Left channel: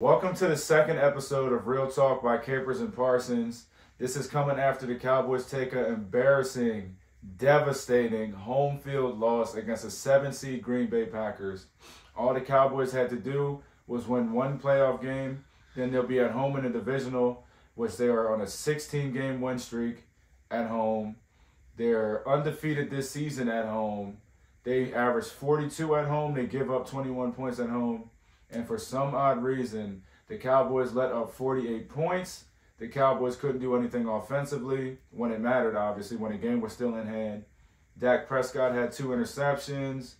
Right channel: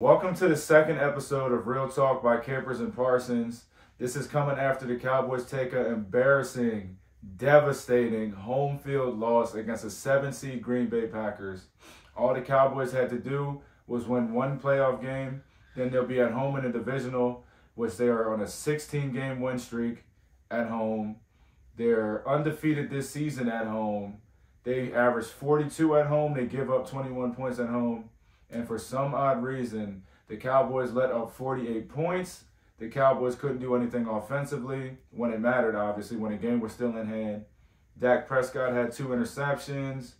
Welcome to the second episode of Real Talk by Capers and Parsons. This is coming after the Cowboys take an embarrassing, devastating home field loss against a 7-seed Green Bay Packers. All the Cowboys had to do was win one playoff game. Then they'll be at home in the divisional, which they are on a 16-game win streak at home. They're undefeated this season at home. They average 42 at home. They give up 21 points at home. And for some odd reason, the Cowboys let up 48 points. The Cowboys couldn't do anything offensively when it mattered, obviously, when the game was still in hand. Dak Prescott had 2 interceptions.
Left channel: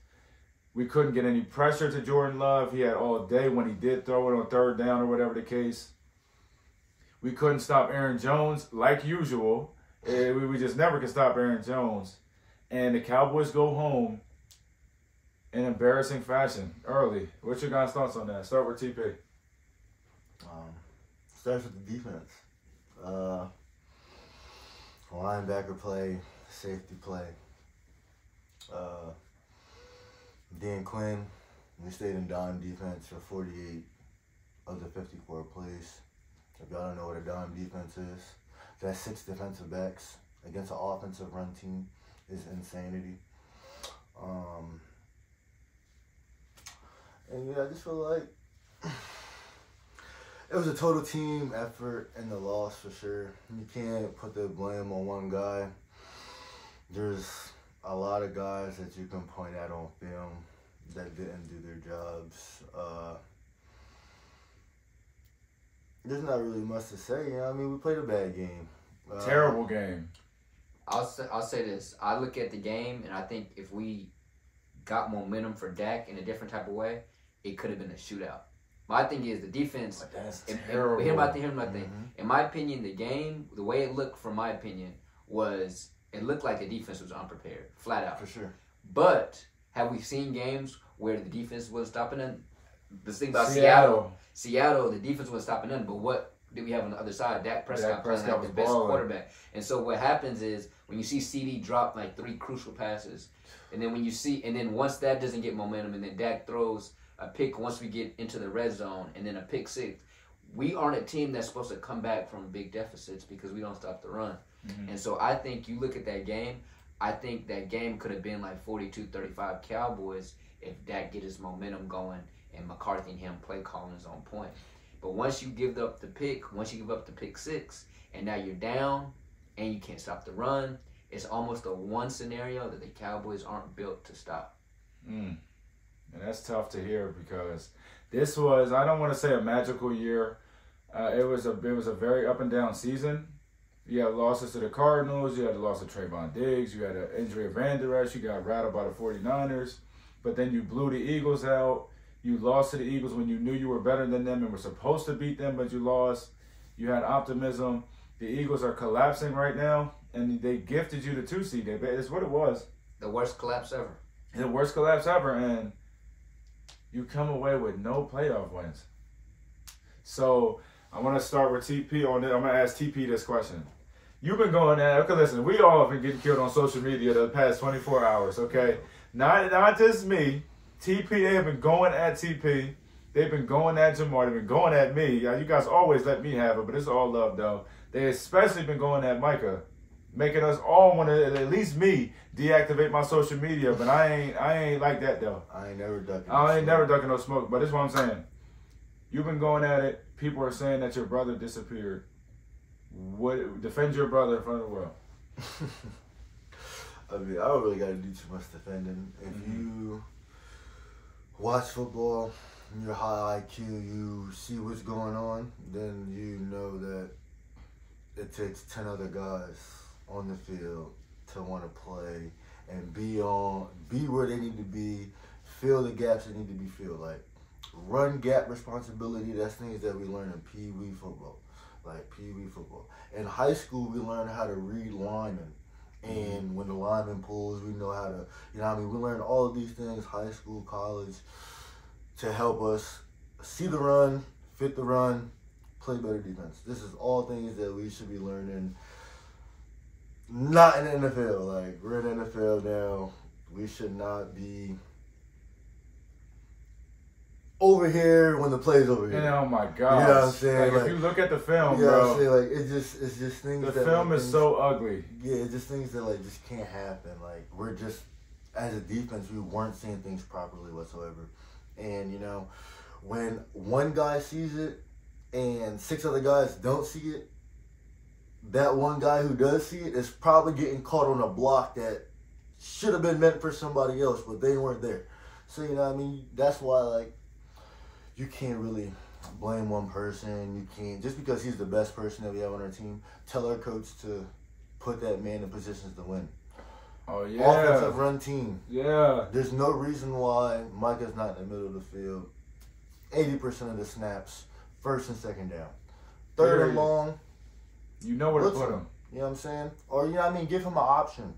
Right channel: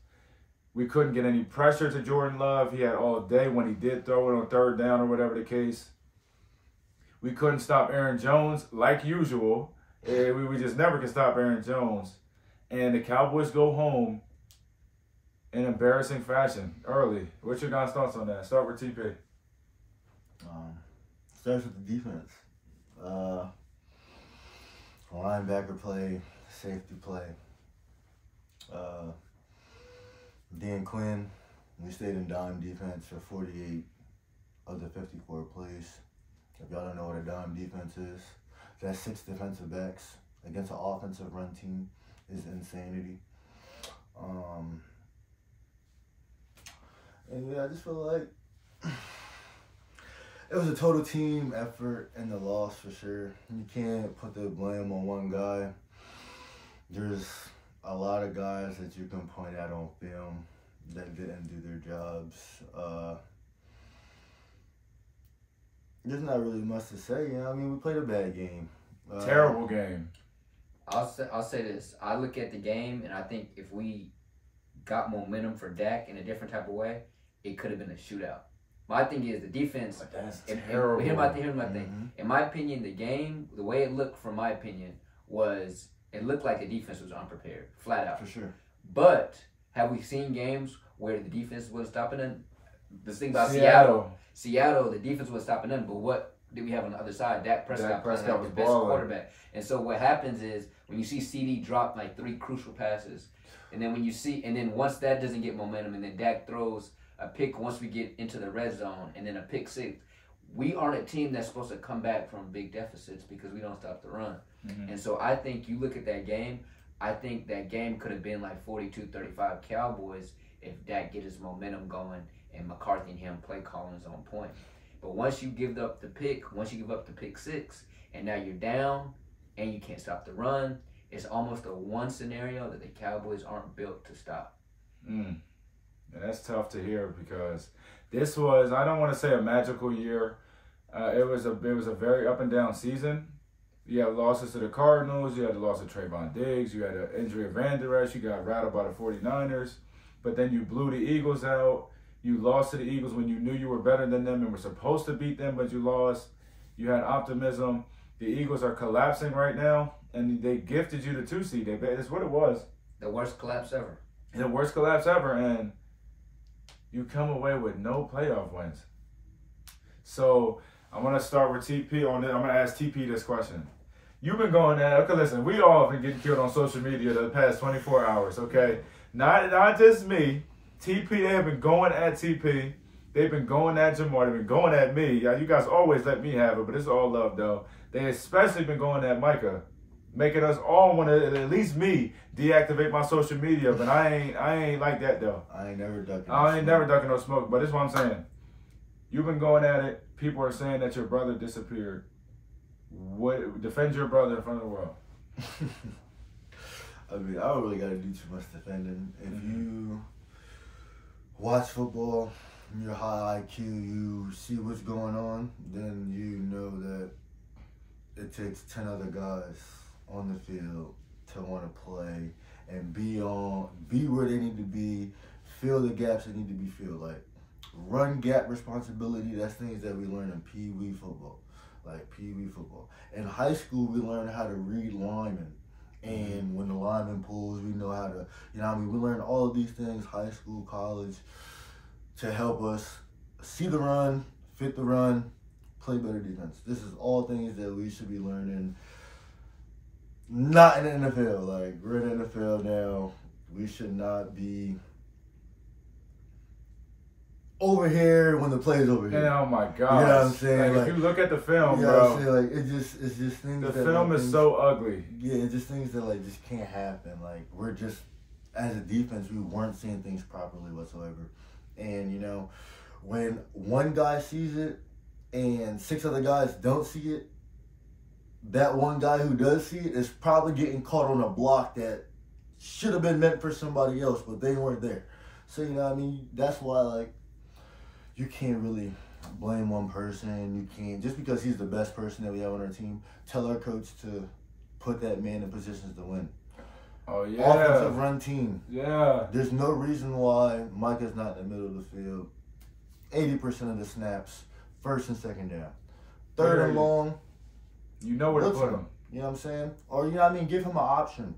We couldn't get any pressure to Jordan Love. He had all day when he did throw it on third down or whatever the case. We couldn't stop Aaron Jones like usual. We just never could stop Aaron Jones. And the Cowboys go home in embarrassing fashion early. What's your guys' thoughts on that? Start with TP. Starts with the defense. Linebacker play, safety play. Dan Quinn, we stayed in dime defense for 48 of the 54 plays. If y'all don't know what a dime defense is, that's 6 defensive backs against an offensive run team is insanity. And yeah, I just feel like it was a total team effort in the loss for sure. You can't put the blame on one guy. There's a lot of guys that you can point out on film that didn't do their jobs. There's not really much to say. You know, I mean, we played a bad game. Terrible game. I'll say this. I look at the game, and I think if we got momentum for Dak in a different type of way, it could have been a shootout. My thing is the defense. But that's terrible. Here's my thing. In my opinion, the game, the way it looked, from my opinion, was it looked like the defense was unprepared, flat out. For sure. But have we seen games where the defense wasn't stopping them? The thing about Seattle, the defense wasn't stopping them. But what did we have on the other side? Dak Prescott playing like the best quarterback. And so what happens is when you see CD drop like 3 crucial passes, and then once that doesn't get momentum, and then Dak throws a pick once we get into the red zone, and then a pick 6, we aren't a team that's supposed to come back from big deficits because we don't stop the run. Mm-hmm. And so I think you look at that game, I think that game could have been like 42-35 Cowboys if Dak get his momentum going and McCarthy and him play calling is on point. But once you give up the pick 6, and now you're down and you can't stop the run, it's almost a one scenario that the Cowboys aren't built to stop. And that's tough to hear because this was, I don't want to say a magical year. It was a very up and down season. You had losses to the Cardinals. You had the loss of Trayvon Diggs. You had an injury of Van Der Esch. You got rattled by the 49ers. But then you blew the Eagles out. You lost to the Eagles when you knew you were better than them and were supposed to beat them, but you lost. You had optimism. The Eagles are collapsing right now, and they gifted you the 2 seed. That's what it was. The worst collapse ever. The worst collapse ever, and you come away with no playoff wins. So I want to start with TP on it. I'm going to ask TP this question. You've been going at, okay, listen, we all have been getting killed on social media the past 24 hours, okay? Not just me. TP, they have been going at TP. They've been going at Jamar. They've been going at me. You guys always let me have it, but it's all love, though. They especially been going at Micah, making us all want to, at least me, deactivate my social media. But I ain't like that, though. I ain't never ducking no smoke. But this is what I'm saying. You've been going at it. People are saying that your brother disappeared. Defend your brother in front of the world. I mean, I don't really got to do too much defending. If you watch football, you're high IQ, you see what's going on, then you know that it takes 10 other guys on the field to want to play and be where they need to be, fill the gaps that need to be filled. Like, run gap responsibility, that's things that we learn in Pee Wee football. In high school, we learn how to read linemen. And when the lineman pulls, we know how to, we learn all of these things, high school, college, to help us see the run, fit the run, play better defense. This is all things that we should be learning, not in the NFL. Like, we're in the NFL now. We should not be over here when the play's over here. And oh my gosh. You know what I'm saying? Like, if you look at the film, you know bro. what I'm saying? Like, it's just things The that... film is so ugly. Yeah, it's just things that, like, just can't happen. Like, we're just, as a defense, we weren't seeing things properly whatsoever. And, you know, when one guy sees it and 6 other guys don't see it, that one guy who does see it is probably getting caught on a block that should have been meant for somebody else, but they weren't there. So, you know what I mean? That's why, like, you can't really blame one person. You can't, just because he's the best person that we have on our team, tell our coach to put that man in positions to win. Oh, yeah. Offensive run team. Yeah. There's no reason why Micah's not in the middle of the field. 80% of the snaps, first and second down. Third and long. You know where to put him. You know what I'm saying? Or, you know what I mean, give him an option.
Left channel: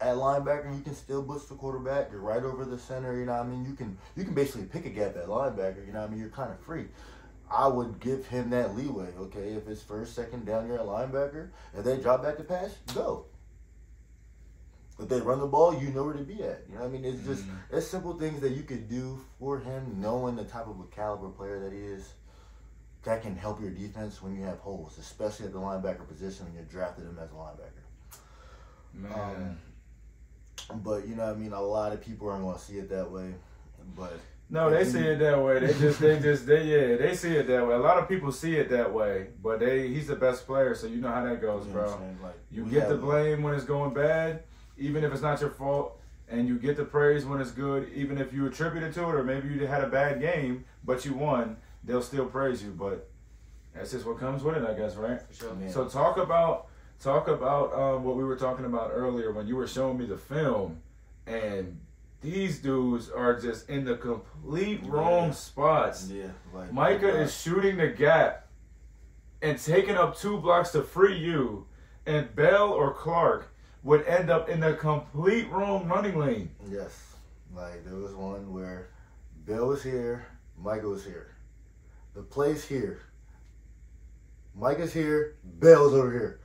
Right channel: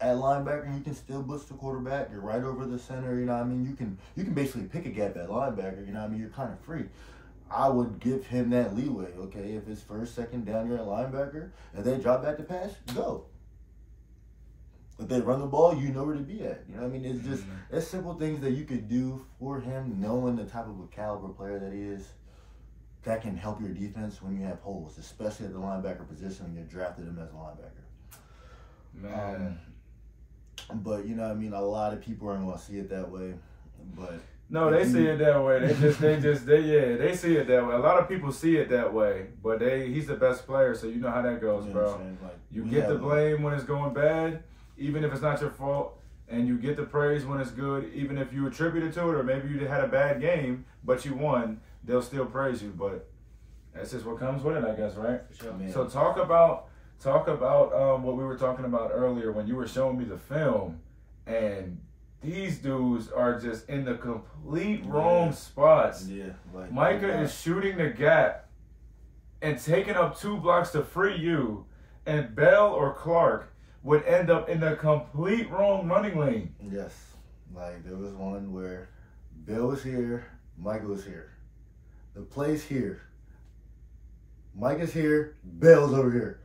At linebacker, you can still blitz the quarterback. You're right over the center, you know what I mean? You can basically pick a gap at linebacker, you know what I mean? You're kind of free. I would give him that leeway, okay? If it's first, second down, you're at linebacker. If they drop back to pass, go. If they run the ball, you know where to be at. You know what I mean? It's just, it's simple things that you could do for him, knowing the type of a caliber player that he is. That can help your defense when you have holes, especially at the linebacker position when you drafted him as a linebacker. Man. But, you know what I mean? A lot of people aren't going to see it that way. But no, they see it that way. They see it that way. A lot of people see it that way, but he's the best player, so you know how that goes, you know bro. Like, you get the blame when it's going bad, even if it's not your fault, and you get the praise when it's good, even if you attribute it to it, or maybe you had a bad game, but you won, they'll still praise you. But that's just what comes with it, I guess, right? For sure. So talk about what we were talking about earlier when you were showing me the film, and these dudes are just in the complete wrong spots. Yeah, like Micah is shooting the gap and taking up 2 blocks to free you, and Bell or Clark would end up in the complete wrong running lane. Yes. Like, there was one where Bill was here, Micah was here. The play's here. Micah's here, Bell's over here.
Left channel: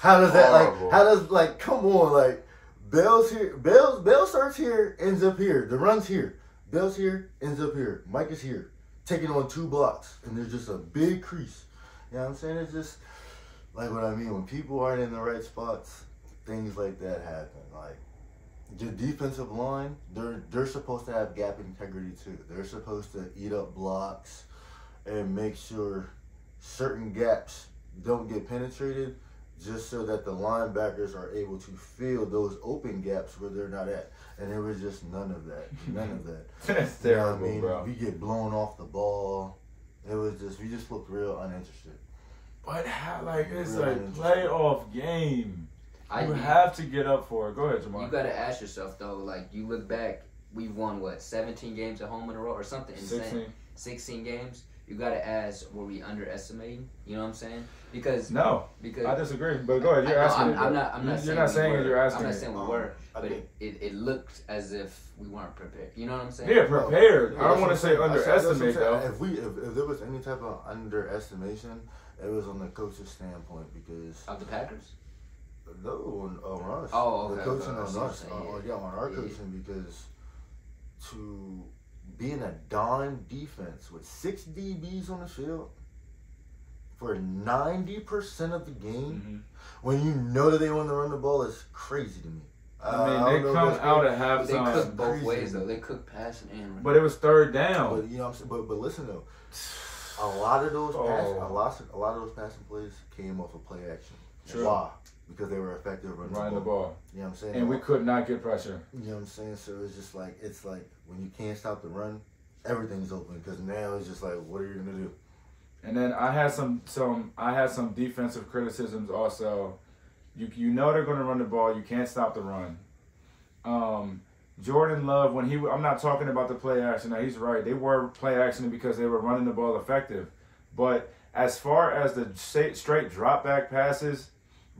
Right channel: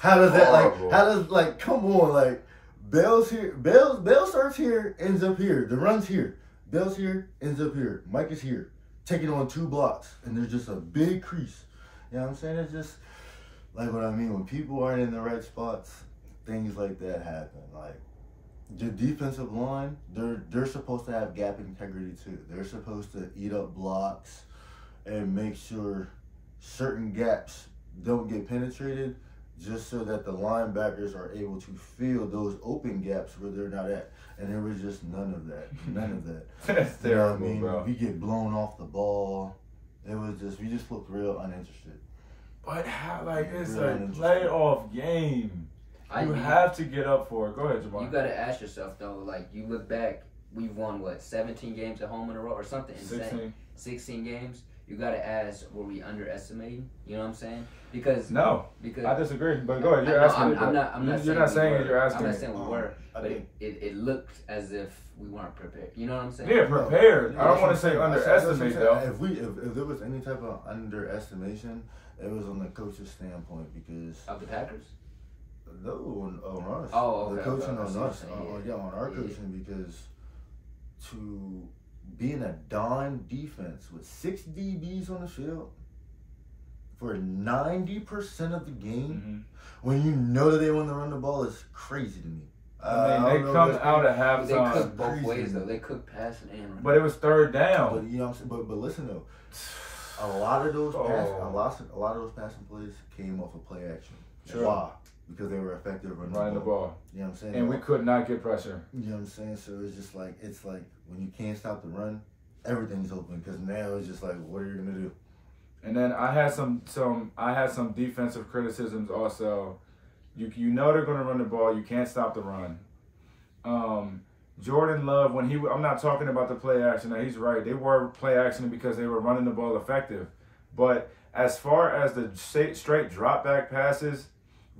How does that, come on, like, Bell's here, Bell starts here, ends up here. The run's here. Bell's here, ends up here. Micah's here, taking on 2 blocks, and there's just a big crease. You know what I'm saying? It's just, like what I mean, when people aren't in the right spots, things like that happen. Like, the defensive line, they're supposed to have gap integrity too. They're supposed to eat up blocks and make sure certain gaps don't get penetrated, just so that the linebackers are able to fill those open gaps where they're not at. And there was just none of that. None of that. That's terrible, you know what I mean? bro. We get blown off the ball. It was just, we just looked real uninterested. But how, like, it's Real a uninterested. playoff game. You have to get up for it. Go ahead, Jamar. You got to ask yourself, though, like, you look back, we've won, 17 games at home in a row or something insane? 16 games. You got to ask, were we underestimating? You know what I'm saying? Because I disagree. But go ahead. You're asking. I'm not You're not saying it. You're asking. I'm not saying we were, but it looked as if we weren't prepared. You know what I'm saying? Yeah, prepared. I don't want to say underestimate though. If there was any type of underestimation, it was on the coach's standpoint because of the Packers. No, on us. Oh, okay. The coaching on us. Yeah. On our coaching because to be in a dime defense with 6 DBs on the field for 90% of the game, when you know that they want to run the ball, is crazy to me. I mean, they come out at halftime. They cook both ways though. They cook passing and running. But it was third down. But you know what I'm saying. But listen though, a lot of those passing plays came off of play action. Sure. Why? Because they were effective running the ball. You know what I'm saying? And we could not get pressure. You know what I'm saying? So it's just like, when you can't stop the run, everything's open. Because now it's just like, what are you gonna do? And then I had some defensive criticisms also. You know they're gonna run the ball. You can't stop the run. Jordan Love, I'm not talking about the play action. Now he's right. They were play action because they were running the ball effective. But as far as the straight drop back passes,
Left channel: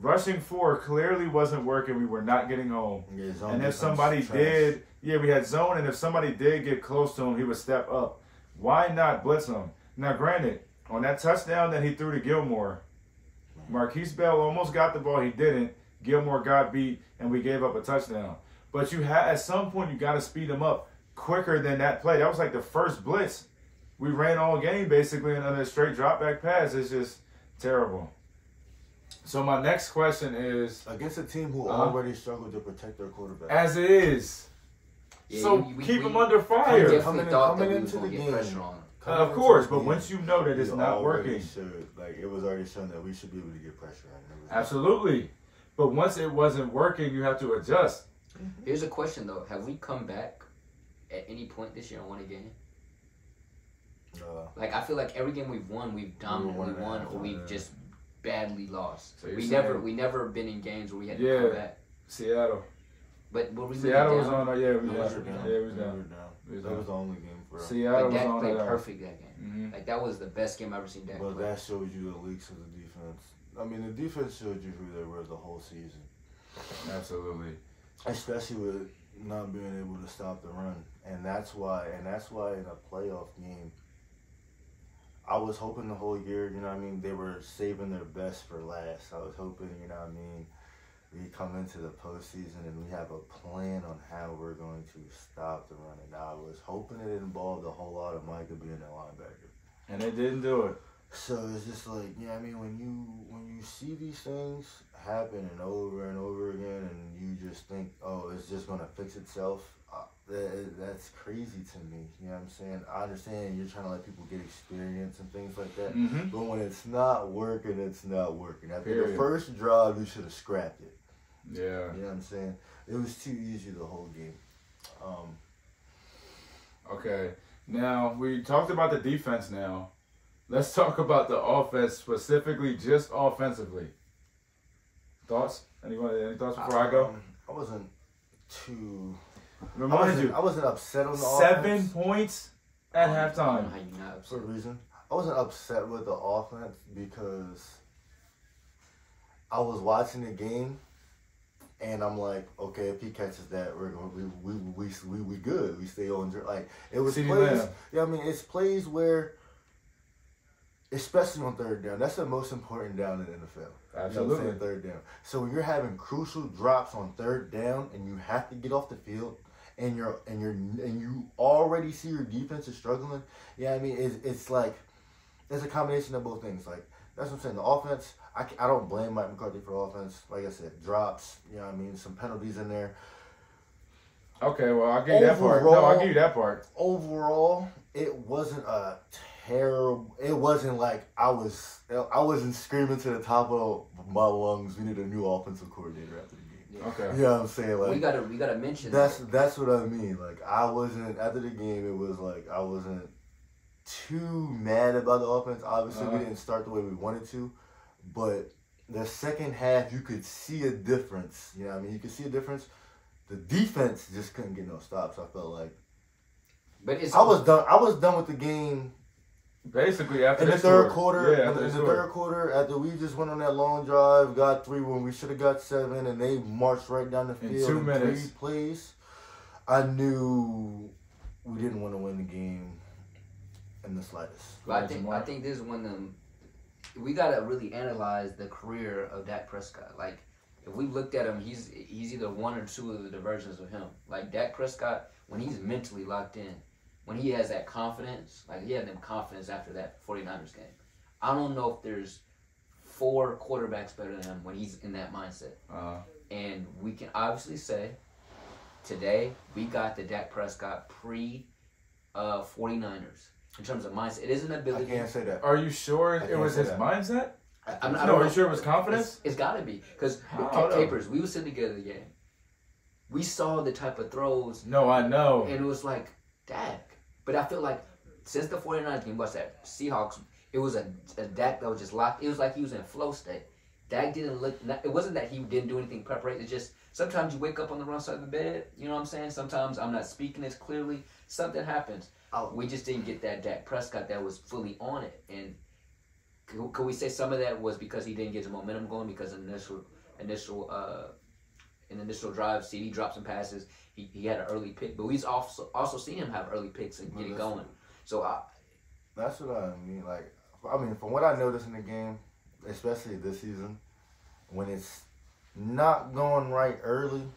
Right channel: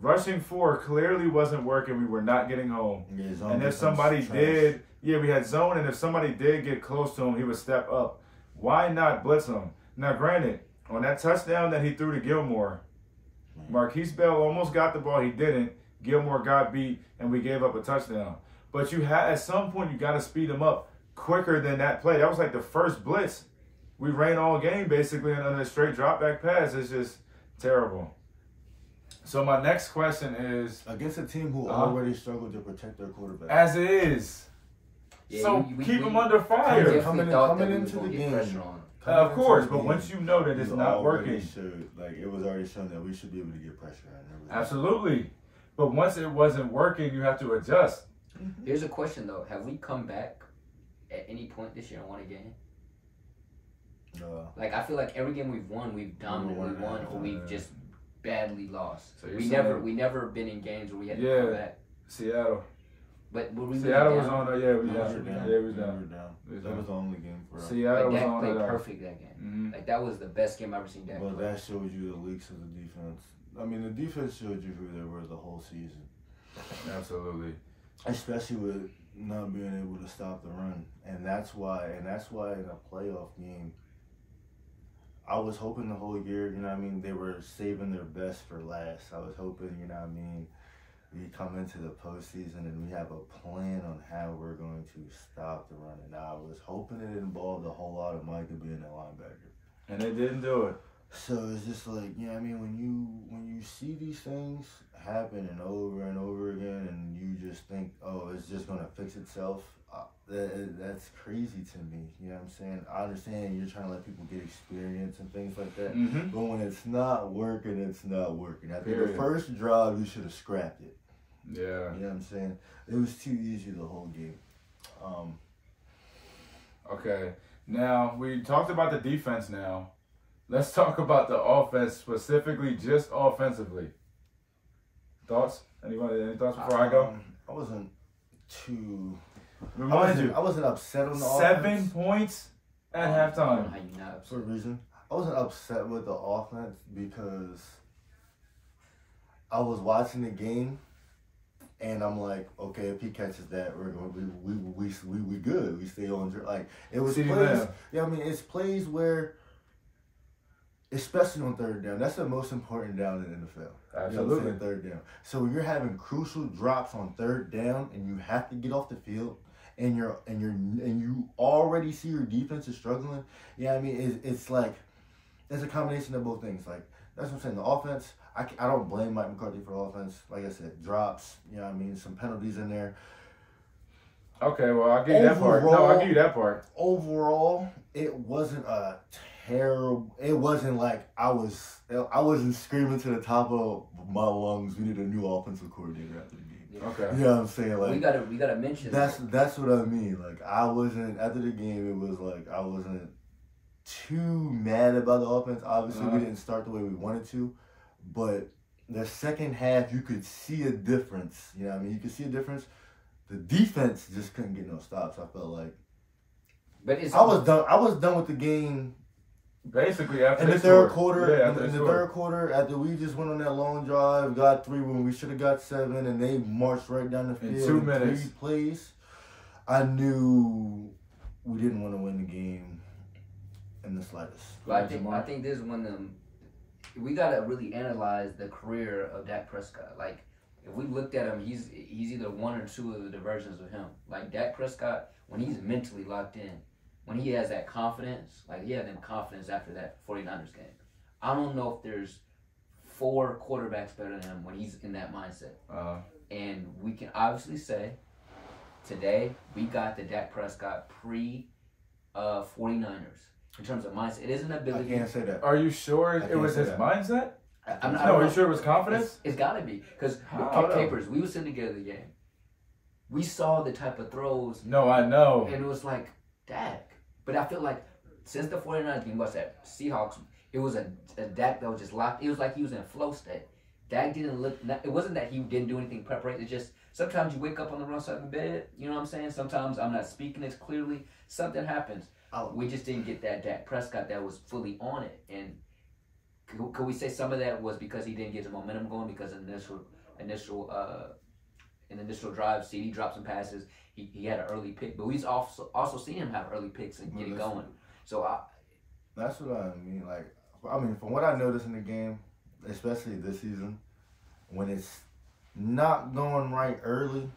rushing 4 clearly wasn't working. We were not getting home. Yeah, and if somebody did, we had zone, and if somebody did get close to him, he would step up. Why not blitz him? Now, granted, on that touchdown that he threw to Gilmore, Marquise Bell almost got the ball. He didn't. Gilmore got beat, and we gave up a touchdown. But at some point, you got to speed him up quicker than that play. That was like the first blitz We ran all game basically on a straight drop back pass. It's just terrible. So my next question is against a team who already struggled to protect their quarterback. As it is. Yeah, so keep them under fire. Coming into the game. Of course, but once you know that it's not working. It was already shown that we should be able to get pressure on. Absolutely. But once it wasn't working, you have to adjust. Here's a question, though. Have we come back at any point this year and won a game? No. Like, I feel like every game we've won, we've dominantly won, or we've just badly lost. So we never been in games where we had to come back. Seattle. But were we Seattle really was down? on. Yeah, we down. Yeah, we was down. That was the only game for us. Seattle Dak was on. played perfect that game. Like, that was the best game I've ever seen Dak play. But that showed you the leaks of the defense. I mean, the defense showed you who they were the whole season. Absolutely. Especially with not being able to stop the run. And that's why in a playoff game, I was hoping the whole year, you know what I mean, they were saving their best for last. I was hoping, you know what I mean, we come into the postseason and we have a plan on how we're going to stop the run. And I was hoping it involved a whole lot of Micah being a linebacker. And they didn't do it. So it's just like, you know what I mean, when you see these things happening over and over again and you just think, oh, it's just going to fix itself, that's crazy to me. You know what I'm saying? I understand you're trying to let people get experience and things like that. Mm-hmm. But when it's not working, it's not working. After the first drive, you should have scrapped it. Yeah. You know what I'm saying? It was too easy the whole game. Okay. Now, we talked about the defense now. Let's talk about the offense, specifically just offensively. Thoughts? Any thoughts before I go? I wasn't too... I wasn't upset on the 7 offense. points at halftime. How you not upset? For a reason. I wasn't upset with the offense because I was watching the game and I'm like, okay, if he catches that, we're going we good. We stay on. Like, it was plays. Yeah, I mean, it's plays where, especially on third down, that's the most important down in the NFL. Absolutely. You know what I'm saying? Third down. So when you're having crucial drops on third down and you have to get off the field and you already see your defense is struggling, yeah, I mean, it's like, it's a combination of both things. Like, that's what I'm saying. The offense, I don't blame Mike McCarthy for offense. Like I said, drops, you know what I mean, some penalties in there. Okay, well, I'll give you that part. No, I'll give you that part. Overall, it wasn't a terrible. It wasn't like I wasn't screaming to the top of my lungs, we need a new offensive coordinator after the game. Yeah. Okay. You know what I'm saying? Like, we gotta mention that's what I mean. Like, I wasn't after the game. It was like I wasn't too mad about the offense. Obviously, we didn't start the way we wanted to, but the second half you could see a difference. You know what I mean? You could see a difference. The defense just couldn't get no stops. I felt like, but I was done. I was done with the game. Basically, after in the third quarter, third quarter, after we just went on that long drive, got 3 when we should have got 7, and they marched right down the field in 2 minutes. 3 plays, I knew we didn't want to win the game in the slightest. But I think this is when we gotta really analyze the career of Dak Prescott. Like, if we looked at him, he's either one or two of the versions of him. Like, Dak Prescott, when he's mentally locked in, when he has that confidence, like he had them confidence after that 49ers game. I don't know if there's 4 quarterbacks better than him when he's in that mindset. And we can obviously say today we got the Dak Prescott pre-49ers in terms of mindset. It is an ability. I can't say that. Are you sure it was his mindset? Are you sure it was confidence? It's got to be. Because KingCapers, we were sitting together the game. We saw the type of throws. No, I know. And it was like, Dak. But I feel like since the 49ers game, what's that? Seahawks, it was a Dak that was just locked. It was like he was in flow state. Dak didn't look, it wasn't that he didn't do anything preparation. It's just sometimes you wake up on the wrong side of the bed. You know what I'm saying? Sometimes I'm not speaking as clearly. Something happens. We just didn't get that Dak Prescott that was fully on it. And could we say some of that was because he didn't get the momentum going because initial drive, CD dropped some passes. He had an early pick, but we've also seen him have early picks and get it going. So that's what I mean. Like, I mean, from what I noticed in the game, especially this season, when it's not going right early,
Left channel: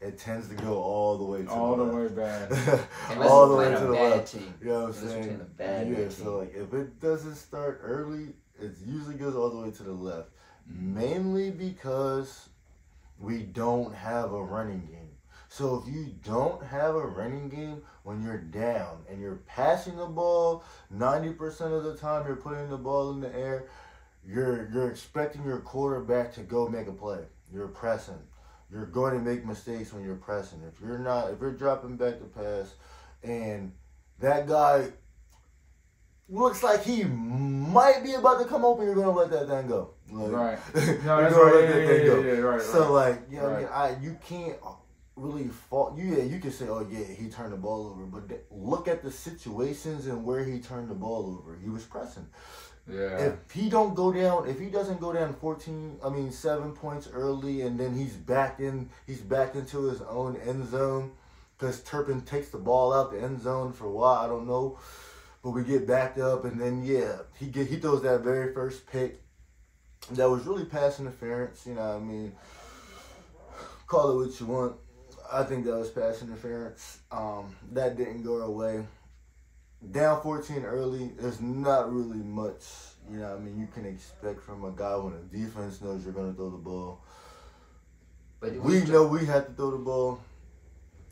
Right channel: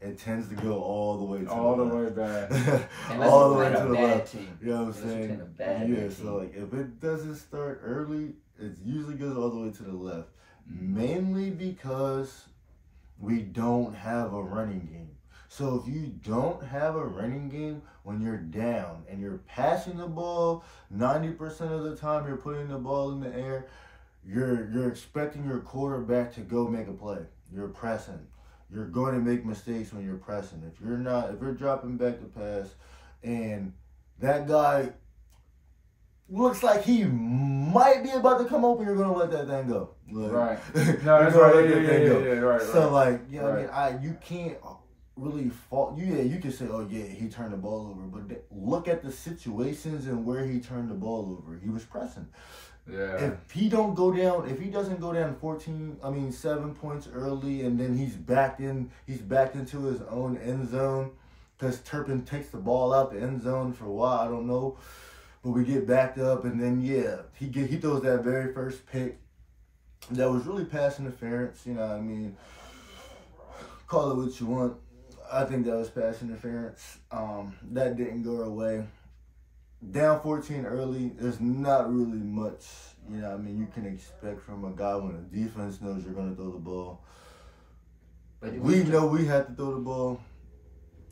it tends to go all the way to all the way left. back. All the way to the bad left. team. You know what I'm Unless you're saying? playing a bad Yeah, team. so like if it doesn't start early, it usually goes all the way to the left. Mainly because we don't have a running game. So if you don't have a running game when you're down and you're passing the ball, 90% of the time you're putting the ball in the air, you're expecting your quarterback to go make a play. You're pressing. You're going to make mistakes when you're pressing. If you're dropping back to pass and that guy looks like he might be about to come open, you're going to let that thing go. Like, Right. No, that's you're right. going to let that thing go. Yeah, right. So, like, you know Right. what I mean? You can't really fault. You can say, oh, yeah, he turned the ball over. But look at the situations and where he turned the ball over. He was pressing. Yeah. If he doesn't go down 7 points early, and then he's backed into his own end zone because Turpin takes the ball out the end zone for a while, I don't know. But we get backed up, and then he throws that very first pick that was really pass interference. You know what I mean? Call it what you want. I think that was pass interference. That didn't go our way. Down 14 early, there's not really much, you know what I mean, you can expect from a guy when the defense knows you're going to throw the ball. But we know we had to throw the ball.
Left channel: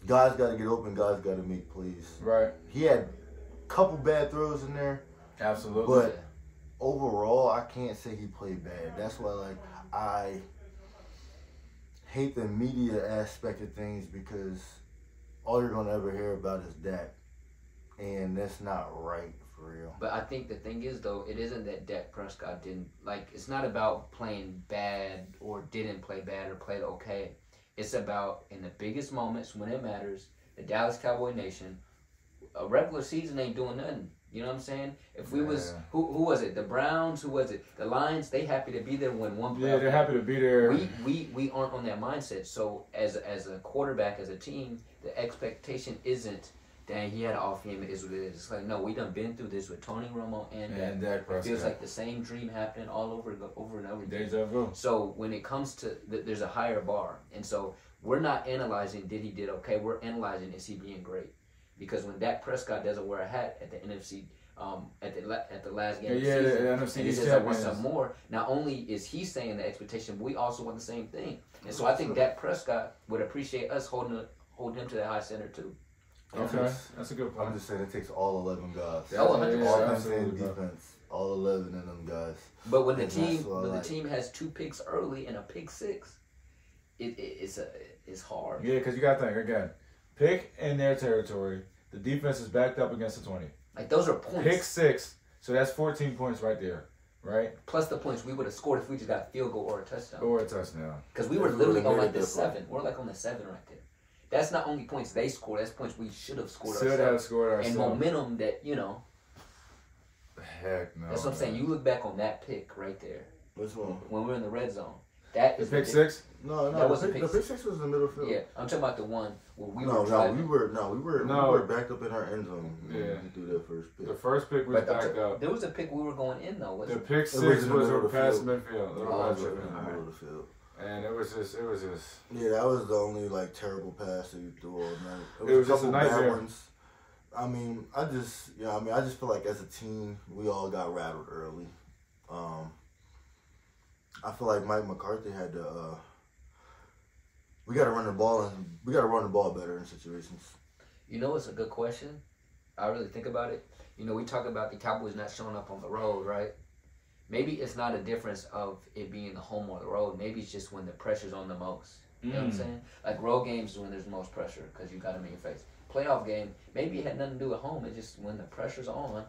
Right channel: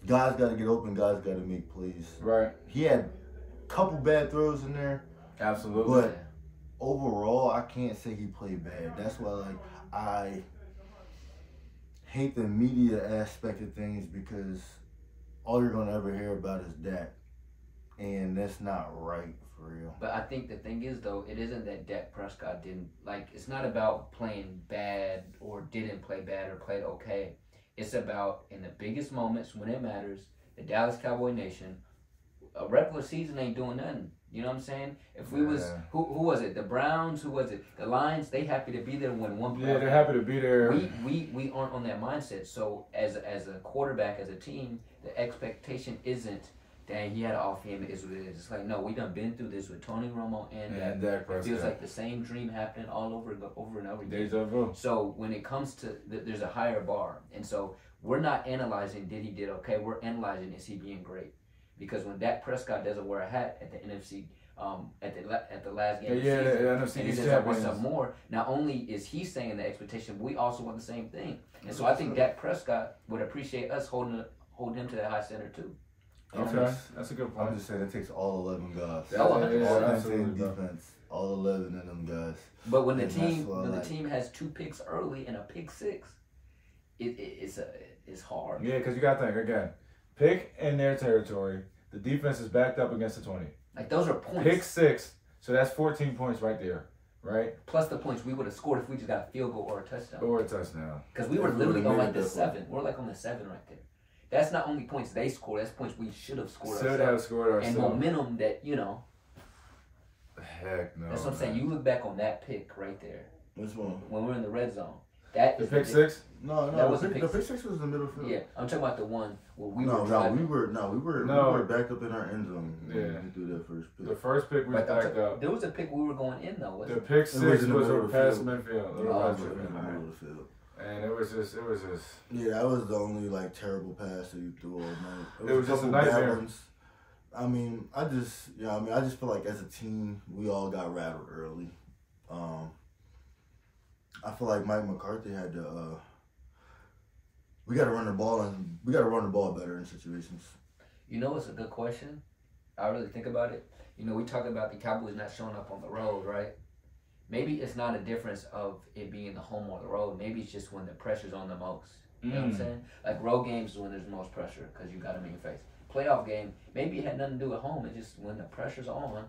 Guys got to get open. Guys got to make plays. Right. He had a couple bad throws in there. Absolutely. But overall, I can't say he played bad. That's why, like, I hate the media aspect of things because all you're going to ever hear about is Dak. And that's not right for real. But I think the thing is, though, it isn't that Dak Prescott didn't, like, it's not about playing bad or didn't play bad or played okay. It's about, in the biggest moments when it matters, the Dallas Cowboy Nation, a regular season ain't doing nothing. You know what I'm saying? If we was, who was it? The Browns? Who was it? The Lions? They happy to be there when one playoff. Yeah, they're happy to be there. We aren't on that mindset. So as a quarterback, as a team, the expectation isn't, dang, he had an off game. It is what it is. It's like, no, we done been through this with Tony Romo and Dak. It feels like the same dream happening all over and over again. Deja vu. So when it comes to, there's a higher bar. And so we're not analyzing, did he did okay? We're analyzing, is he being great? Because when Dak Prescott doesn't wear a hat at the NFC, at the last game of the season, the NFC and he says, I want some more, not only is he saying the expectation, but we also want the same thing. And so I think Dak Prescott would appreciate us holding him to that high center too. Okay, that's a good point. I'm just saying it takes all 11 guys. Oh, 100%. Offense and defense, all 11 of them guys. But when the team has 2 picks early and a pick 6, it's hard. Yeah, because you got to think again. Pick in their territory. The defense is backed up against the 20. Like, those are points. Pick 6, so that's 14 points right there, right? Plus the points we would have scored if we just got a field goal or a touchdown. Or a touchdown. Because we were literally on like the 7. We're like on the 7 right there. That's not only points they scored, that's points we should have scored ourselves. Should have scored ourselves. And momentum that, you know. Heck no. That's what I'm saying. You look back on that pick right there. Which one? When we were in the red zone. That is pick 6? No, that was the pick 6 was in the middle field. Yeah, I'm talking about the one where we were driving. we were backed up in our end zone when we threw that first pick. The first pick was backed up. There was a pick we were going in though. The pick 6 was over past midfield. In the middle of the field. And it was just. Yeah, that was the only like terrible pass that you threw all night. It was just a nightmare. I mean, I just feel like as a team, we all got rattled early. I feel like Mike McCarthy had to. We got to run the ball, and we got to run the ball better in situations. You know, it's a good question. I really think about it. You know, we talk about the Cowboys not showing up on the road, right? Maybe it's not a difference of it being the home or the road. Maybe it's just when the pressure's on the most. You know what I'm saying? Like road games is when there's the most pressure because you got them in your face. Playoff game, maybe it had nothing to do at home. It's just when the pressure's on.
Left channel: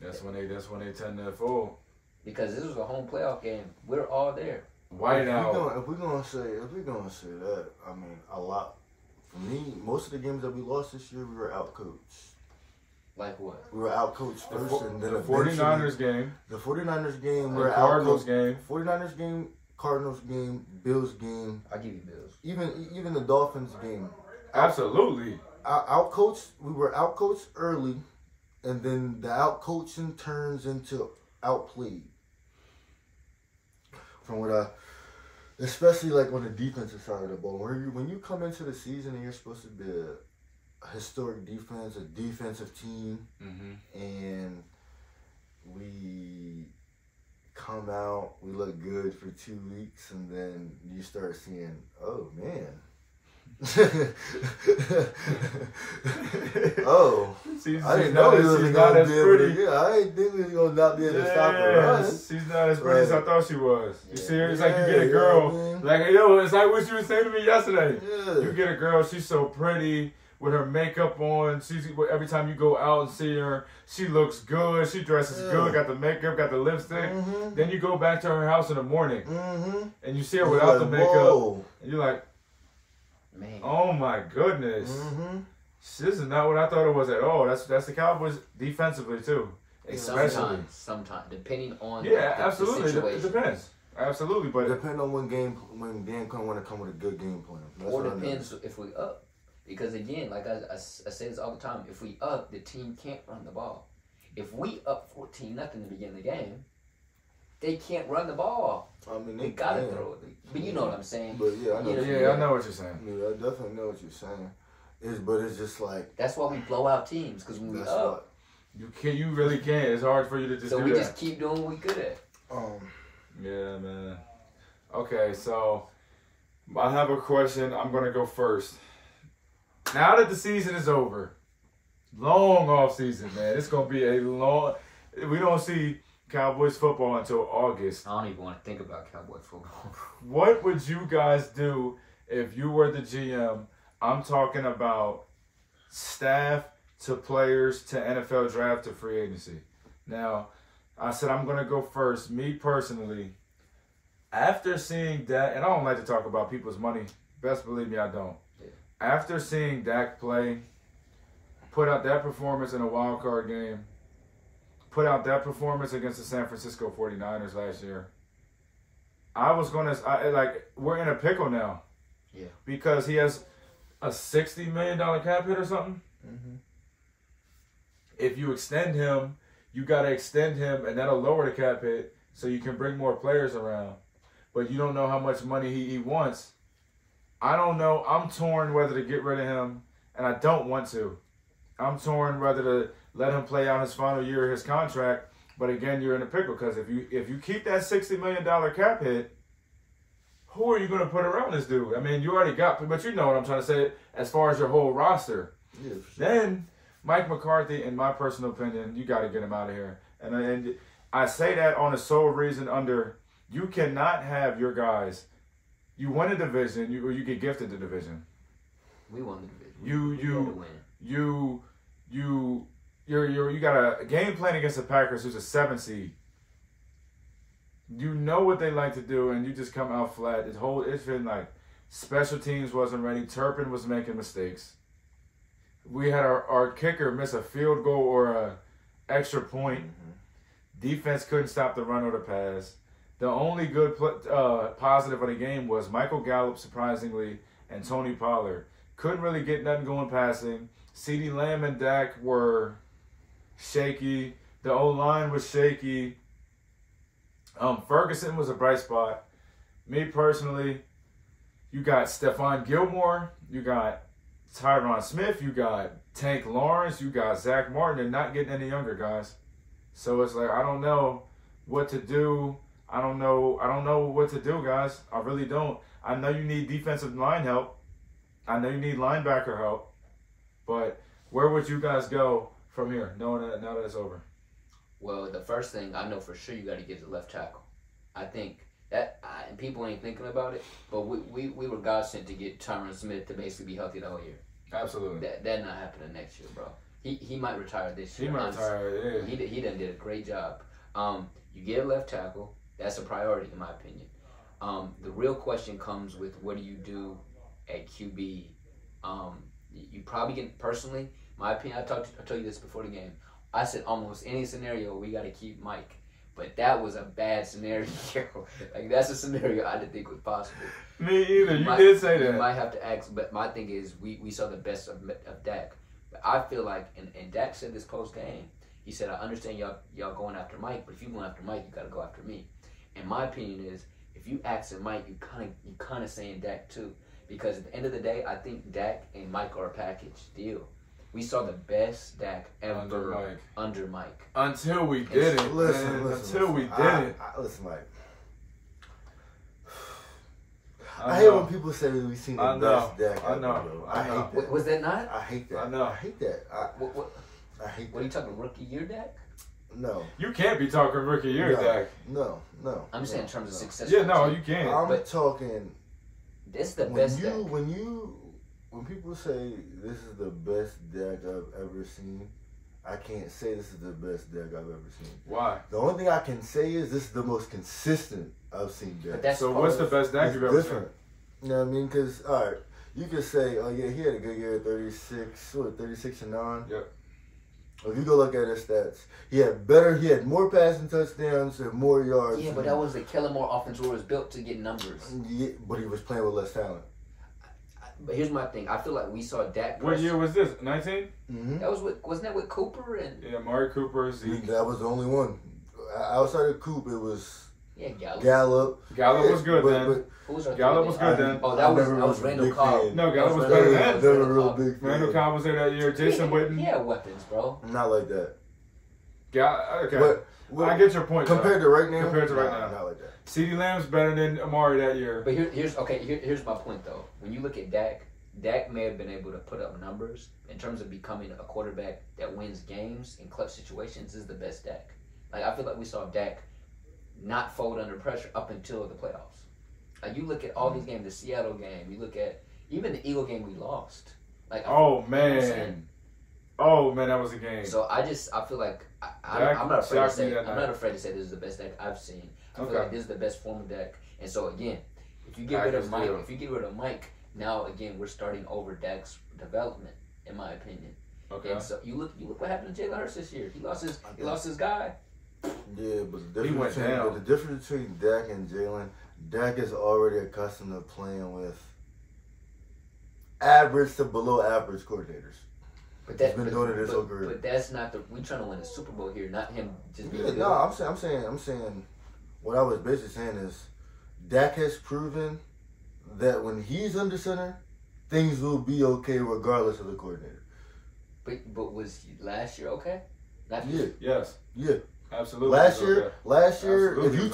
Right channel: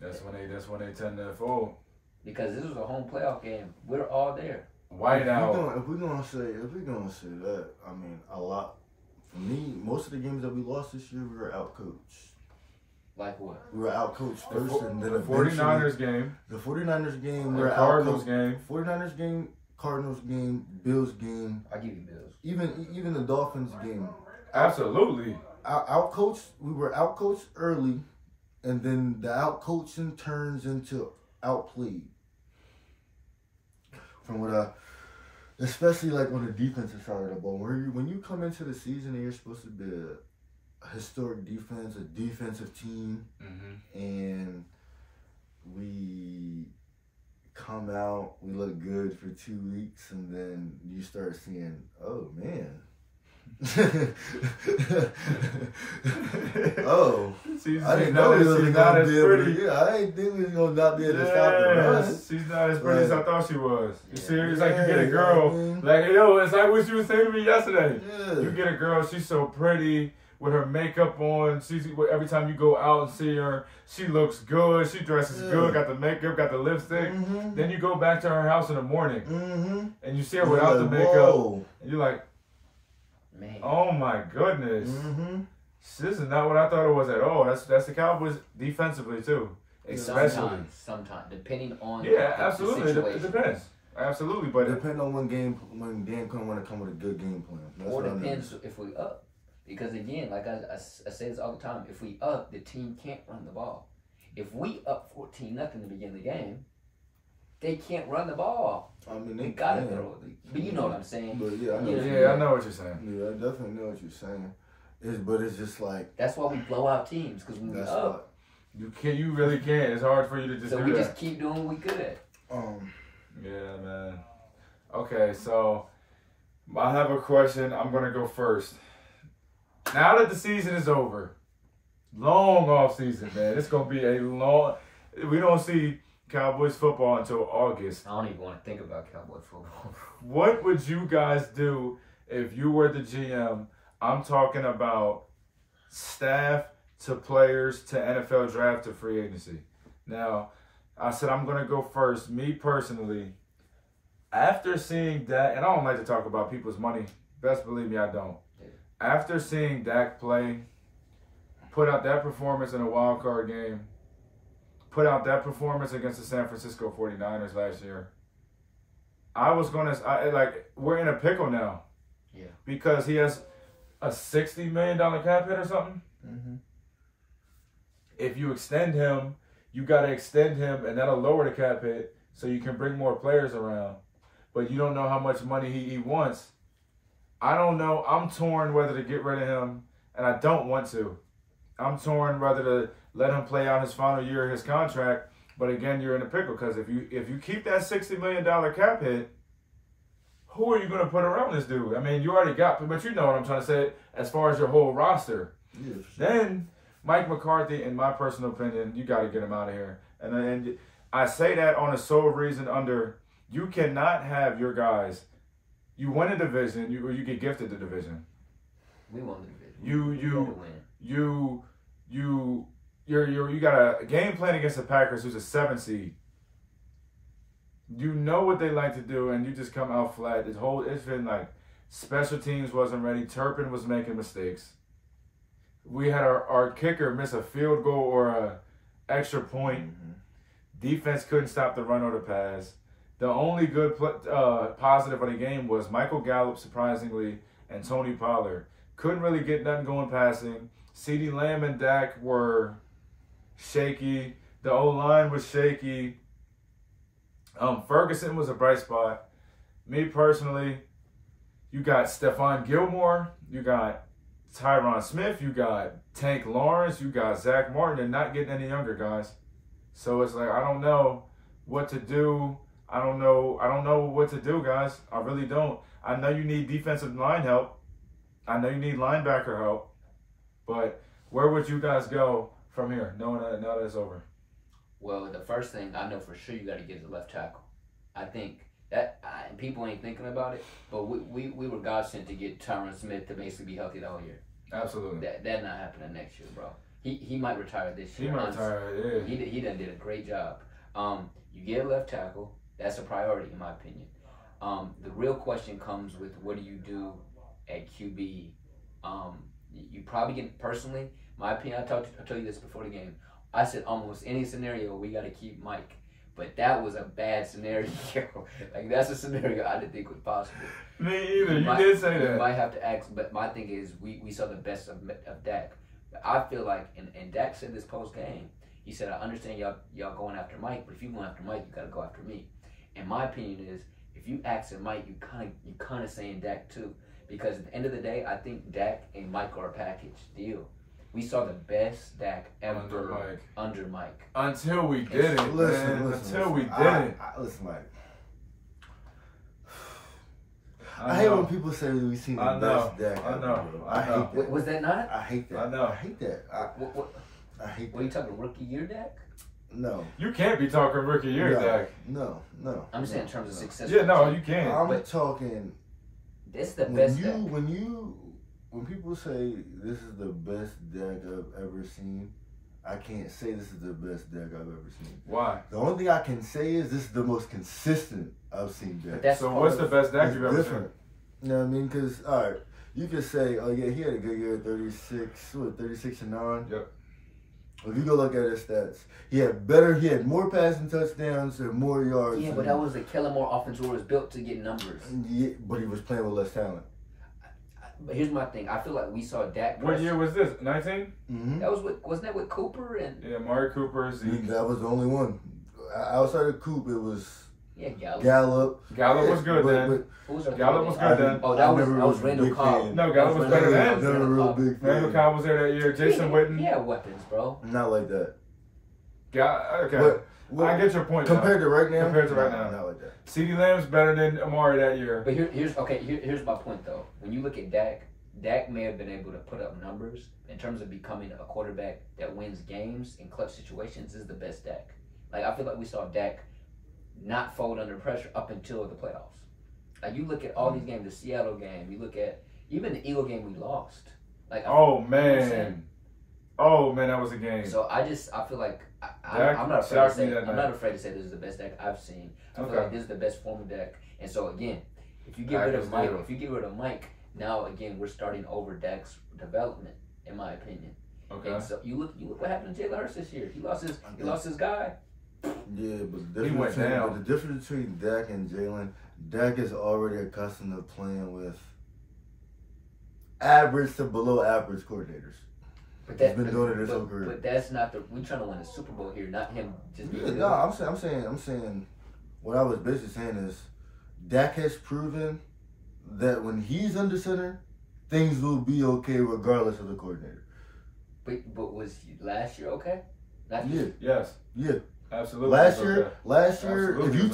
That's when they tend to fold. Because this was a home playoff game. We're all there. White out. If we're gonna say that, I mean, a lot. For me, most of the games that we lost this year, we were outcoached. Like what? We were outcoached first, and then the 49ers game. The 49ers game. We were Cardinals game. 49ers game. Cardinals game. Bills game. I give you Bills. Even the Dolphins game. Absolutely. Outcoached. We were outcoached early, and then the outcoaching turns into outplayed. From what especially like on the defensive side of the ball. When you come into the season and you're supposed to be a historic defense, a defensive team, and we come out, we look good for 2 weeks, and then you start seeing, oh man. Oh, I didn't know we wasn't gonna be able to. Yeah, I didn't think we was gonna not be able to stop the run. She's not as pretty as I thought she was. You see her? It's like you get a girl, like yo, it's like what you were saying to me yesterday. Yeah. You get a girl, she's so pretty with her makeup on. She's every time you go out and see her, she looks good. She dresses good, got the makeup, got the lipstick. Then you go back to her house in the morning, and you see her without the makeup, and you're like, man. Oh my goodness. This is not what I thought it was at all. That's the Cowboys defensively too. Especially. Sometimes depending on absolutely. the it depends. Absolutely, but depending on when game plan want to come with a good game plan. That's or depends if we up. Because again, like I say this all the time, if we up, the team can't run the ball. If we up 14-0 to begin the game, they can't run the ball. I mean, they gotta throw it. But you know what I'm saying. But yeah, I know. I know what you're saying. Yeah, I definitely know what you're saying. But it's just like that's why we blow out teams because when we up, you really can't. It's hard for you to just. So we just keep doing what we good at. Yeah, man. Okay, so I have a question. I'm gonna go first. Now that the season is over, long off season, man. It's gonna be a long. We don't see Cowboys football until August. I don't even want to think about Cowboys football. What would you guys do if you were the GM? I'm talking about staff to players to NFL draft to free agency. Now, I said I'm going to go first. Me personally, after seeing Dak, and I don't like to talk about people's money. Best believe me, I don't. Yeah. After seeing Dak play, put out that performance in a wild card game, put out that performance against the San Francisco 49ers last year, we're in a pickle now. Yeah. Because he has a $60 million cap hit or something. If you extend him, you got to extend him, and that'll lower the cap hit so you can bring more players around. But you don't know how much money he wants. I don't know. I'm torn whether to get rid of him, and I don't want to. I'm torn whether to let him play out his final year of his contract. But again, you're in a pickle because if you keep that $60 million cap hit, who are you going to put around this dude? I mean, you already got, but you know what I'm trying to say as far as your whole roster. Yeah, sure. Then Mike McCarthy, in my personal opinion, you got to get him out of here. And I say that on the sole reason you cannot have your guys. You win a division, or you get gifted the division. We won the division. You got a game plan against the Packers, who's a 7 seed. You know what they like to do, and you just come out flat. It's been like special teams wasn't ready. Turpin was making mistakes. We had our kicker miss a field goal or a extra point. Defense couldn't stop the run or the pass. The only good positive of the game was Michael Gallup, surprisingly, and Tony Pollard. Couldn't really get nothing going passing. CeeDee Lamb and Dak were shaky. The O-line was shaky. Ferguson was a bright spot. Me personally, you got Stephon Gilmore, you got Tyron Smith, you got Tank Lawrence, you got Zach Martin. They're not getting any younger, guys. So it's like I don't know what to do. I don't know what to do, guys. I really don't. I know you need defensive line help. I know you need linebacker help. But where would you guys go from here, knowing that now that it's over? Well, the first thing I know for sure you got to get is a left tackle. I think that and people ain't thinking about it, but we were God sent to get Tyron Smith to basically be healthy the whole year. Absolutely. That not happening next year, bro. He might retire this year. He might retire. Yeah. He done did a great job. You get a left tackle. That's a priority in my opinion. The real question comes with what do you do at QB? You probably get personally. My opinion. I told you this before the game. I said almost any scenario we got to keep Mike, but that was a bad scenario. Like that's a scenario I didn't think was possible. Me either. You did say that. You might have to ask, but my thing is we saw the best of Dak. But I feel like, and Dak said this post game. He said, "I understand y'all going after Mike, but if you going after Mike, you got to go after me." And my opinion is if you asking Mike, you kind of saying Dak too, because at the end of the day, I think Dak and Mike are a package deal. We saw the best Dak ever under Mike. Until we did it. Until we did it. Listen, Mike. I hate when people say we seen the best Dak ever, bro. I hate that. Was that not? I hate that. I hate that. I hate that. What are you talking, rookie year Dak? No. You can't be talking rookie year Dak. No. I'm just saying in terms of success. Yeah, no, you can't. I'm talking. This is the best Dak. When people say this is the best Dak I've ever seen, I can't say this is the best Dak I've ever seen. Why? The only thing I can say is this is the most consistent I've seen Dak. So what's the best Dak you've ever seen? You know what I mean? Because, all right, you could say, oh, yeah, he had a good year, 36 and 9. Yep. If you go look at his stats, he had more passing touchdowns and more yards. Yeah, but that was the Kellen Moore offense where it was built to get numbers. Yeah, but he was playing with less talent. But here's my thing. I feel like we saw Dak. What year was this? 19? Mm-hmm. That was wasn't that with Cooper and? Yeah, Amari Cooper, Zeke. That was the only one. Outside of Coop, it was Gallup. Gallup was good then. Gallup was good then. Oh, that was Randall Cobb. No, Gallup was better then. Never a real big fan. Randall Cobb was there that year. Jason Witten. He had weapons, bro. Not like that. Okay. I get your point. Compared to right now? Not like that. CeeDee Lamb's better than Amari that year. But here's my point though. When you look at Dak may have been able to put up numbers in terms of becoming a quarterback that wins games in clutch situations. Is the best Dak. Like I feel like we saw Dak not fold under pressure up until the playoffs. Like you look at all these games, the Seattle game, you look at even the Eagle game we lost. Like that was a game. So I feel like I'm not afraid to say this is the best Dak I've seen. I feel like this is the best form of Dak. And so again, if you get rid of Mike, now again we're starting over Dak's development, in my opinion. Okay. And so you look what happened to Jalen Hurts this year. He lost his guy. Yeah, but the difference between Dak and Jalen, Dak is already accustomed to playing with average to below average coordinators. He's been doing it his whole career. But that's not we're trying to win a Super Bowl here, not him just being good. No, I'm saying what I was basically saying is Dak has proven that when he's under center, things will be okay regardless of the coordinator. But was last year okay? Yes. Yeah. Absolutely. Last year, if you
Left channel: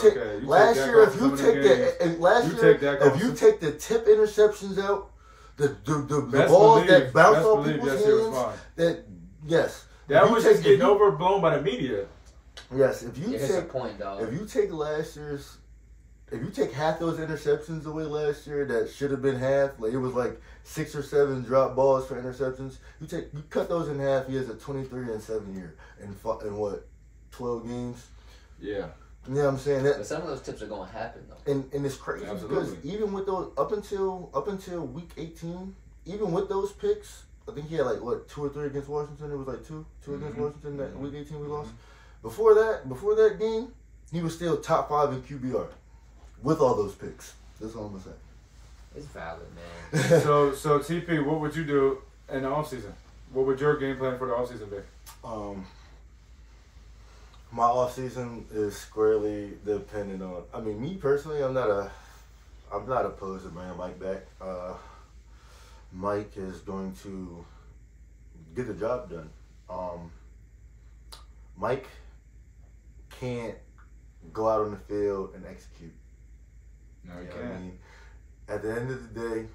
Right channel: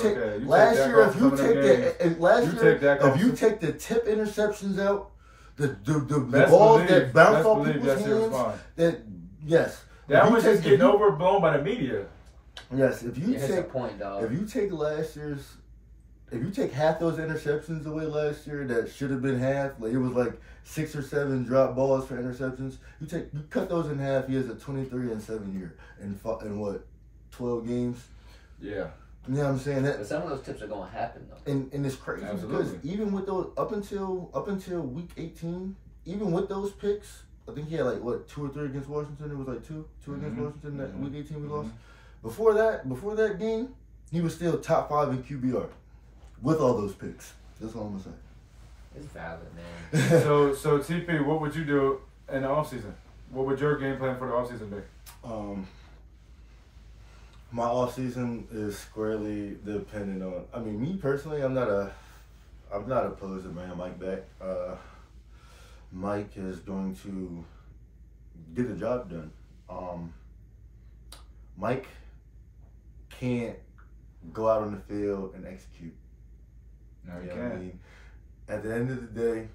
take the tip interceptions out, the balls that bounce off people's hands, that was just getting overblown by the media. Yes, if you take half those interceptions away last year, that should have been half. Like it was like 6 or 7 drop balls for interceptions. You cut those in half. He has a 23-7 year in what? 12 games. Yeah. You know what I'm saying? But some of those tips are going to happen though. And it's crazy because even with those up until week 18, even with those picks, I think he had like 2 or 3 against Washington. It was like two against Washington that week 18 we lost. Before that game, he was still top 5 in QBR with all those picks. That's all I'm gonna say. It's valid, man. so TP, what would you do in the offseason? What would your game plan for the offseason be? My offseason is squarely dependent on. I mean, me personally, I'm not opposed to bringing Mike back. Mike is going to get the job done. Mike can't go out on the field and execute. No, he can't. I mean, at the end of the day,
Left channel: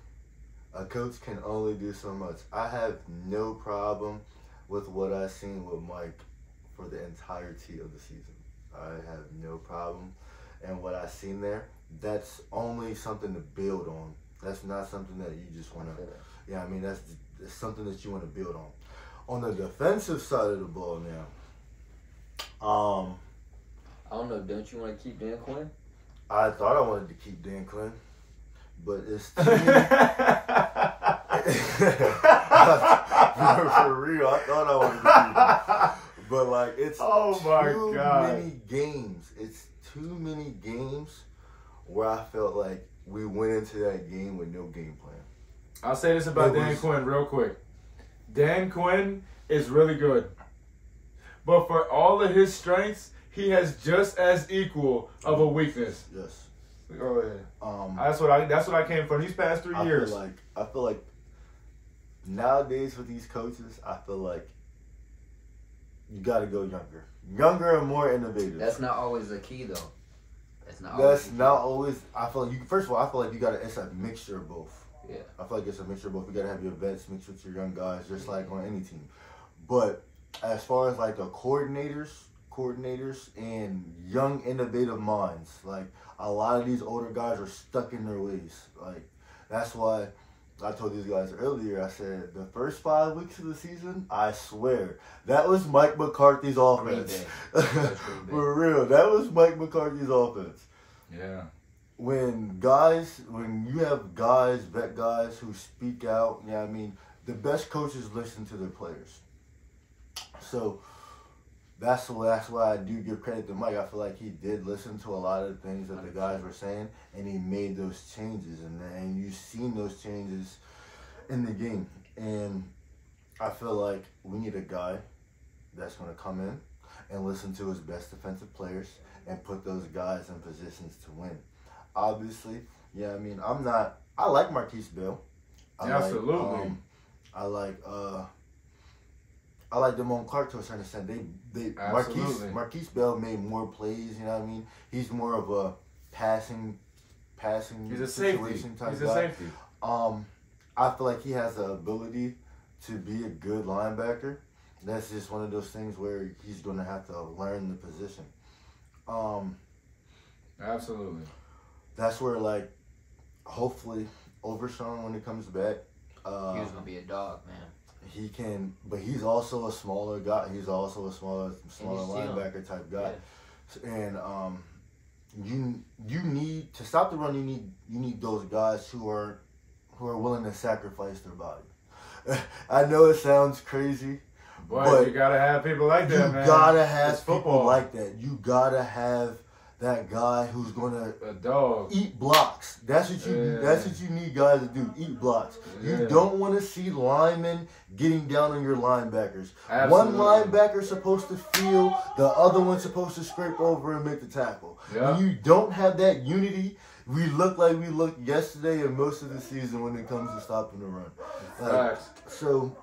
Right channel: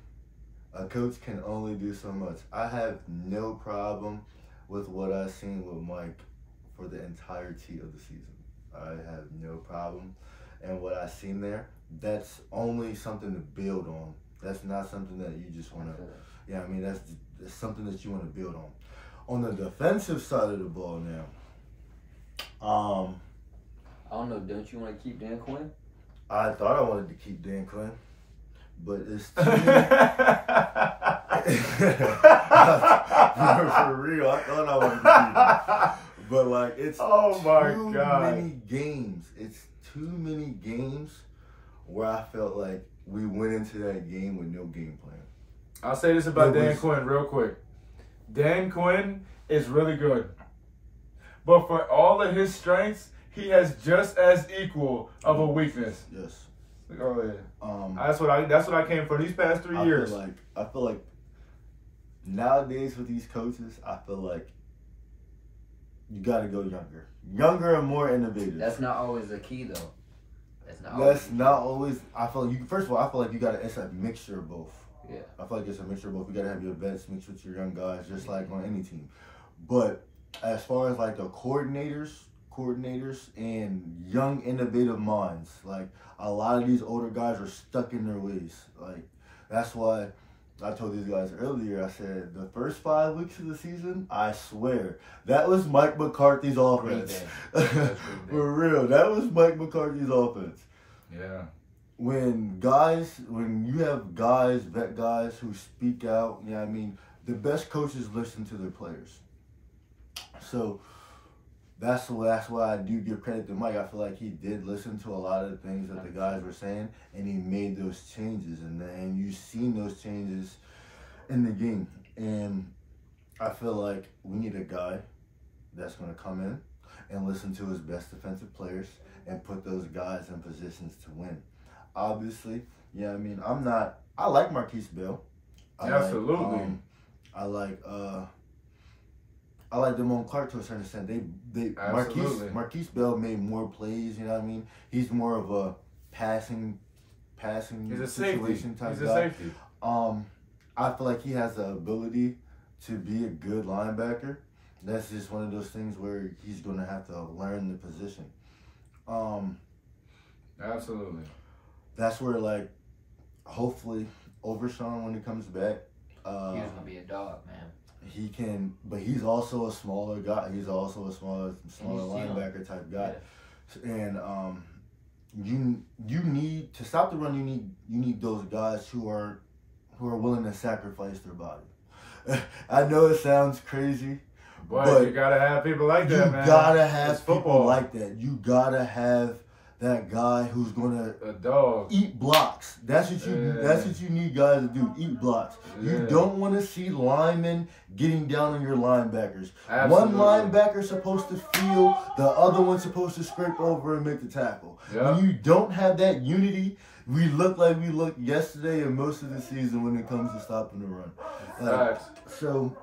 a coach can only do so much. I have no problem with what I've seen with Mike for the entirety of the season. I have no problem. And what I've seen there, that's only something to build on. That's not something that you just want to, that's something that you want to build on. On the defensive side of the ball now, I don't know, don't you want to keep Dan Quinn? I thought I wanted to keep Dan Quinn, but it's too for real, I thought I wanted to keep him. But it's too many games. It's too many games where I felt like we went into that game with no game plan. I'll say this about Dan Quinn real quick. Dan Quinn is really good. But for all of his strengths, he has just as equal of a weakness. Yes. Go ahead. That's what I came for these past 3 years. I feel like nowadays with these coaches, I feel like you got to go younger and more innovative. That's not always the key, though. That's not always. I feel like first of all, I feel like you got to. It's a mixture of both. Yeah. I feel like it's a mixture of both. You got to have your vets mixed with your young guys, just like on any team. But as far as like the coordinators and young innovative minds, like a lot of these older guys are stuck in their ways. Like that's why I told these guys earlier, I said the first 5 weeks of the season, I swear, that was Mike McCarthy's offense. For real, that was Mike McCarthy's offense. Yeah. When you have vet guys who speak out, I mean, the best coaches listen to their players. So that's why I do give credit to Mike. I feel like he did listen to a lot of the things that the guys were saying, and he made those changes. And you've seen those changes in the game. And I feel like we need a guy that's going to come in and listen to his best defensive players and put those guys in positions to win. Obviously, I mean, I like Marquise Bell. Absolutely. I like Damone Clark to a certain extent. Marquise Bell made more plays, you know what I mean? He's more of a passing He's a situation safety. type He's guy. a safety. I feel like he has the ability to be a good linebacker. That's just one of those things where he's going to have to learn the position. Absolutely. That's where, like, hopefully, Overshawn, when he comes back, he was going to be a dog, man. He can, but he's also a smaller guy. He's also a smaller linebacker type guy, and you need to stop the run. You need those guys who are willing to sacrifice their body. I know it sounds crazy, but you gotta have people like that, man. You gotta have people like that. You gotta have that guy who's gonna eat blocks. That's what you need guys to do. Eat blocks. Yeah. You don't want to see linemen getting down on your linebackers. Absolutely. One linebacker's supposed to feel, the other one's supposed to scrape over and make the tackle. Yep. When you don't have that unity, we look like we looked yesterday and most of the season when it comes to stopping the run. So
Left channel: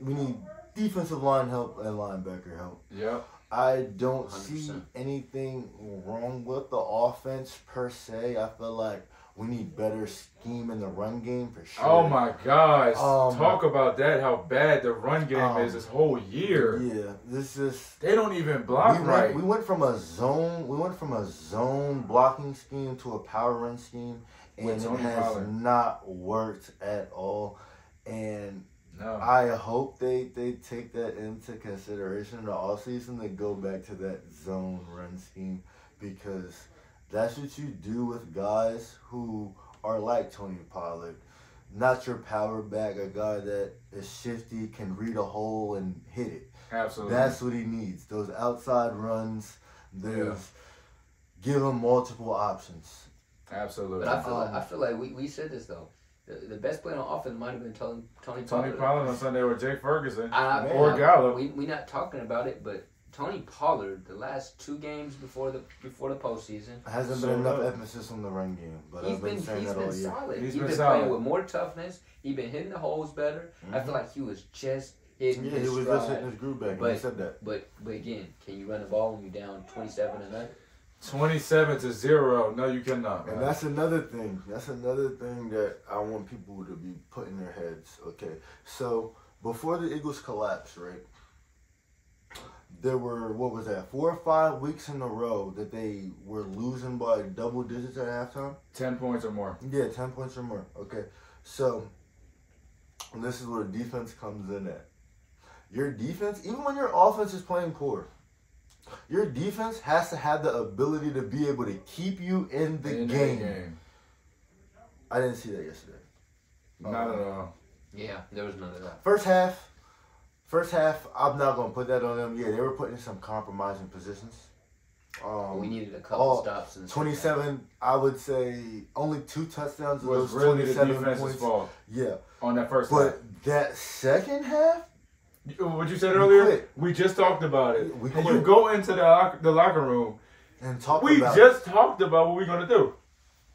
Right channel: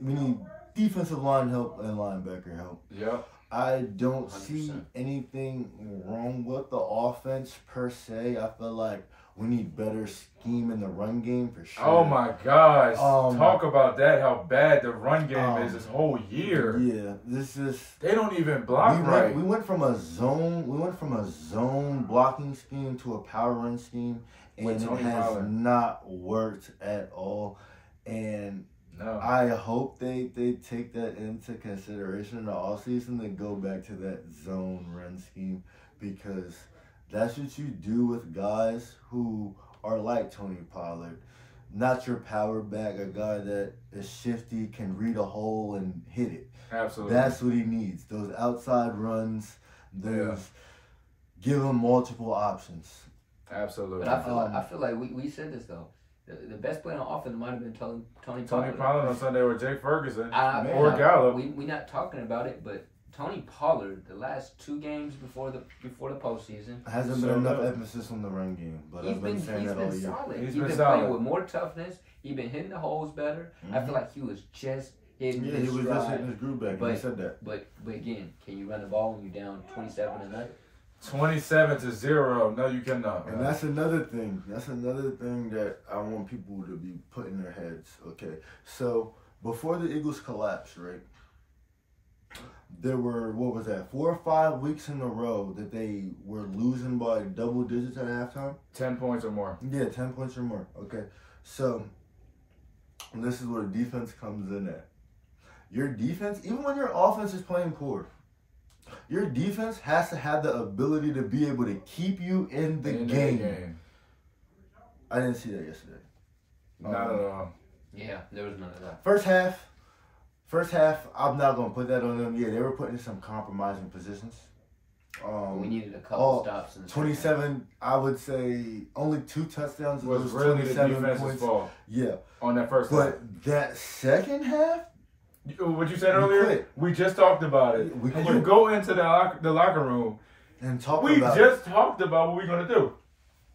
we need defensive line help and linebacker help. Yep. I don't 100%. see anything wrong with the offense per se. I feel like we need better scheme in the run game for sure. Oh my gosh! Talk about that. How bad the run game is this whole year. Yeah, they don't even block right. We went from a zone blocking scheme to a power run scheme, and it has not worked at all. And no. I hope they take that into consideration in the offseason to go back to that zone run scheme, because that's what you do with guys who are like Tony Pollard. Not your power back, a guy that is shifty, can read a hole and hit it. Absolutely. That's what he needs. Those outside runs, give him multiple options. Absolutely. But I feel like we said this, though. The best player on offense might have been Tony Pollard. Tony Pollard on Sunday or Jake Ferguson or Gallup. We're not talking about it, but Tony Pollard, the last 2 games before the postseason, hasn't been enough emphasis on the run game. But I've been saying that all year. Solid. He's been solid. Playing with more toughness. He's been hitting the holes better. Mm-hmm. I feel like he was just hitting his stride. He was just hitting his groove back. He said that. But again, can you run the ball when you're down 27-0? 27-0. No, you cannot. And that's another thing. That's another thing that I want people to be put in their heads. Okay, so before the Eagles collapsed, right? There were 4 or 5 weeks in a row that they were losing by double digits at halftime. 10 points or more. Yeah, 10 points or more. Okay, so this is where defense comes in at. Your defense, even when your offense is playing poor, your defense has to have the ability to be able to keep you in the game. I didn't see that yesterday. Not at all. Yeah, there was none of that. First half, I'm not going to put that on them. Yeah, they were putting in some compromising positions. We needed a couple stops. In the 27, I would say only 2 touchdowns. Was really the defense's fault. Yeah. On that first half. But that second half, what you said earlier, we just talked about it. You go into the locker room and talk about it. We just talked about what we're going to do.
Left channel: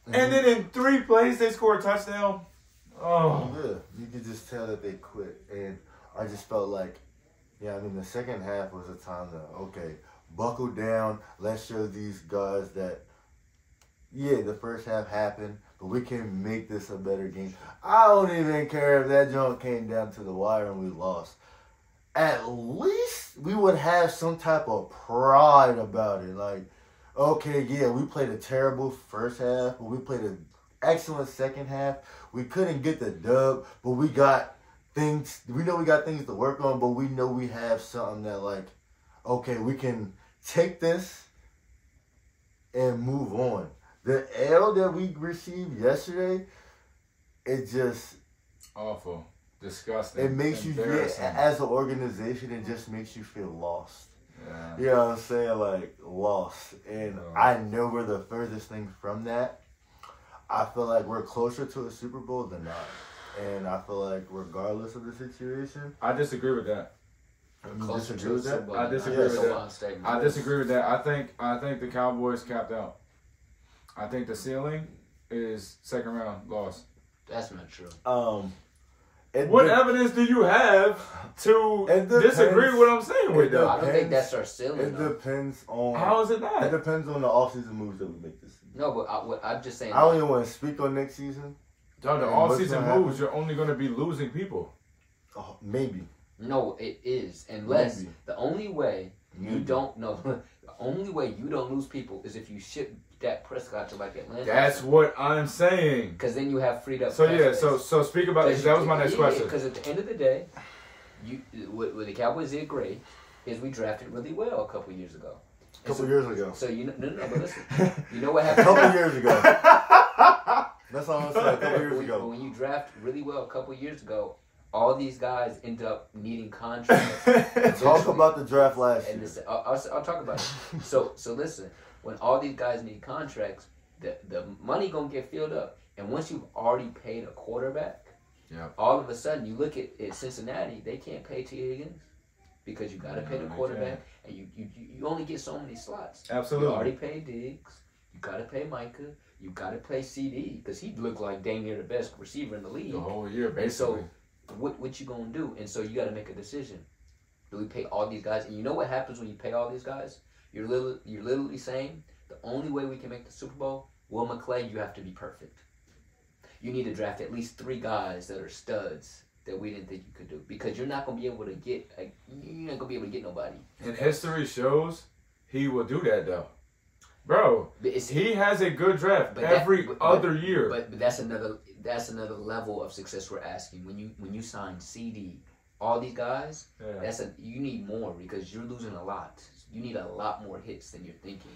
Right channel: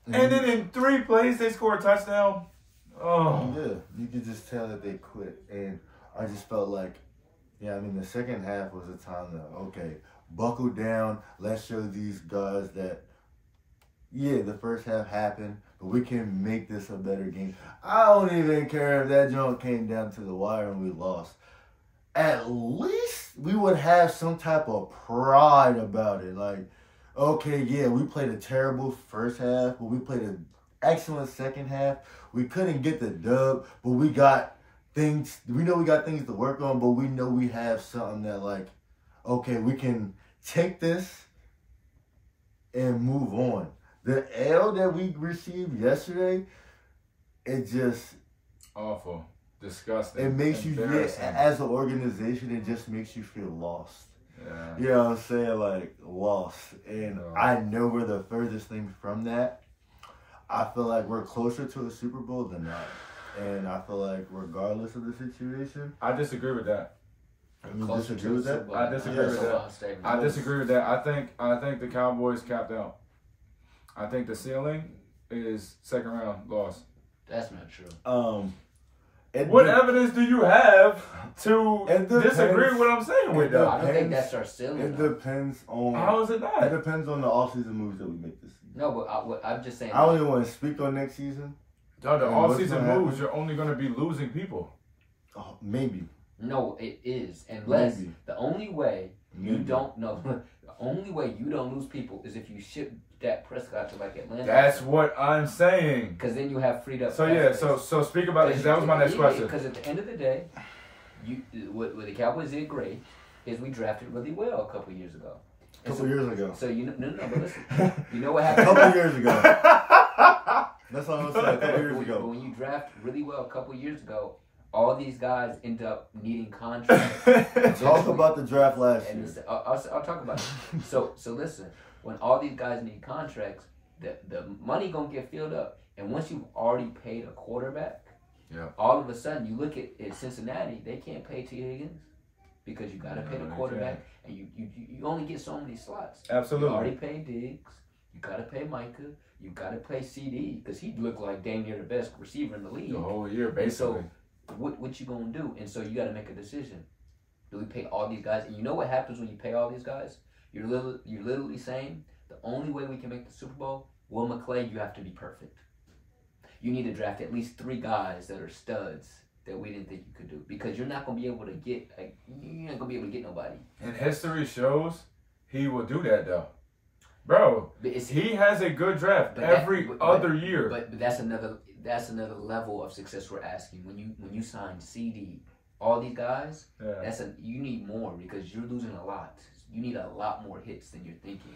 And then in 3 plays, they score a touchdown. Oh. Yeah, you could just tell that they quit. And I just felt like, yeah, I mean, the second half was a time to, okay, buckle down. Let's show these guys that, yeah, the first half happened, but we can make this a better game. I don't even care if that joint came down to the wire and we lost. At least we would have some type of pride about it. Like, okay, yeah, we played a terrible first half, but we played an excellent second half. We couldn't get the dub, but we got things. We know we got things to work on, but we know we have something that, like, okay, we can take this and move on. The L that we received yesterday, it just awful. Disgusting. It makes you, as an organization, it just makes you feel lost. Yeah. You know what I'm saying? Like, lost. And I know we're the furthest thing from that. I feel like we're closer to a Super Bowl than not. And I feel like regardless of the situation. I disagree with that. You disagree with that? I disagree with that. I disagree with that. I think the Cowboys capped out. I think the ceiling is second round loss. That's not true. What evidence do you have to disagree with what I'm saying with that? I don't think that's our ceiling. It depends on. How is it not? It depends on the offseason moves that we make this season. No, but I'm just saying. I don't even want to speak on next season. No, the offseason moves, you're only going to be losing people. Oh, maybe. No, it is. Unless the only way you don't know, the only way you don't lose people is if you ship Dak Prescott to like Atlanta. That's what I'm saying. Because then you have freed up. So yeah, so speak about it. That was my next question. Because at the end of the day, what the Cowboys did great is we drafted really well a couple years ago. A couple years ago. So no, but listen, you know what happened? A couple years ago. That's all I'm saying. A couple years ago. But when you draft really well a couple years ago, all these guys end up needing contracts. Talk about the draft last year. I'll talk about it. So listen, when all these guys need contracts, the money gonna get filled up, and once you've already paid a quarterback, all of a sudden you look at Cincinnati, they can't pay T. Higgins because you gotta pay the quarterback, and you only get so many slots. Absolutely. You already paid Diggs. You gotta pay Micah. You gotta pay CD because he looked like dang near the best receiver in the league the whole year, basically. And so what you gonna do? And so you gotta make a decision. Do we pay all these guys? And you know what happens when you pay all these guys? You're literally saying the only way we can make the Super Bowl, Will McClay, you have to be perfect. You need to draft at least 3 guys that are studs that we didn't think you could do, because you're not gonna be able to get nobody. And history shows he will do that though, bro. He has a good draft every other year. But that's another level of success we're asking. When you sign CD, all these guys, you need more because you're losing a lot. You need a lot more hits than you're thinking.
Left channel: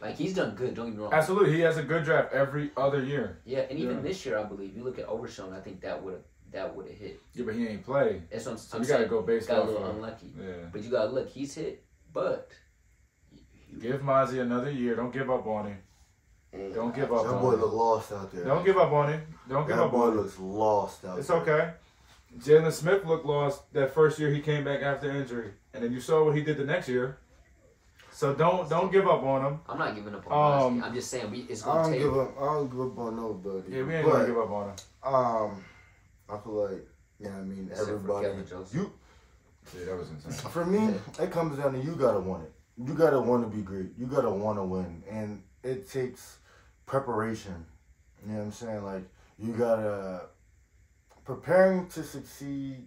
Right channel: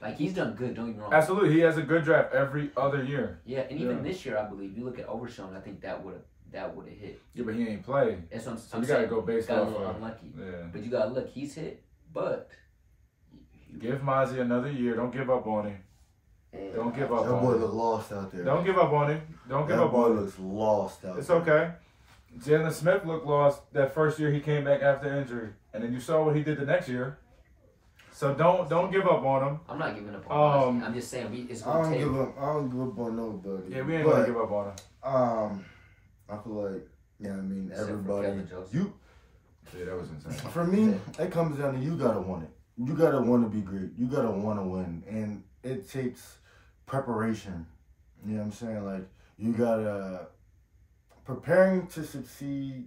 Like, he's done good, don't get me wrong. Absolutely, he has a good draft every other year. Yeah, and even this year, I believe, you look at Overshown, I think that would have hit. Yeah, but he ain't played. That's what I'm saying. You gotta go based off. Got a little unlucky. Yeah. But you gotta look, he's hit, but give Mozzie another year. Don't give up on him. Don't give up on him. That boy looks lost out there. Don't give up on him. Don't give up on him. That boy looks lost out there. It's okay. Jalen Smith looked lost that first year he came back after injury, and then you saw what he did the next year. So don't give up on him. I'm not giving up on him. I'm just saying it's gonna take. I don't give up on nobody. Yeah, we ain't gonna give up on him. I feel like, everybody. Yeah, that was insane. For me, it comes down to you gotta want it. You gotta want to be great. You gotta want to win, and it takes preparation. You know what I'm saying? Like, you gotta preparing to succeed.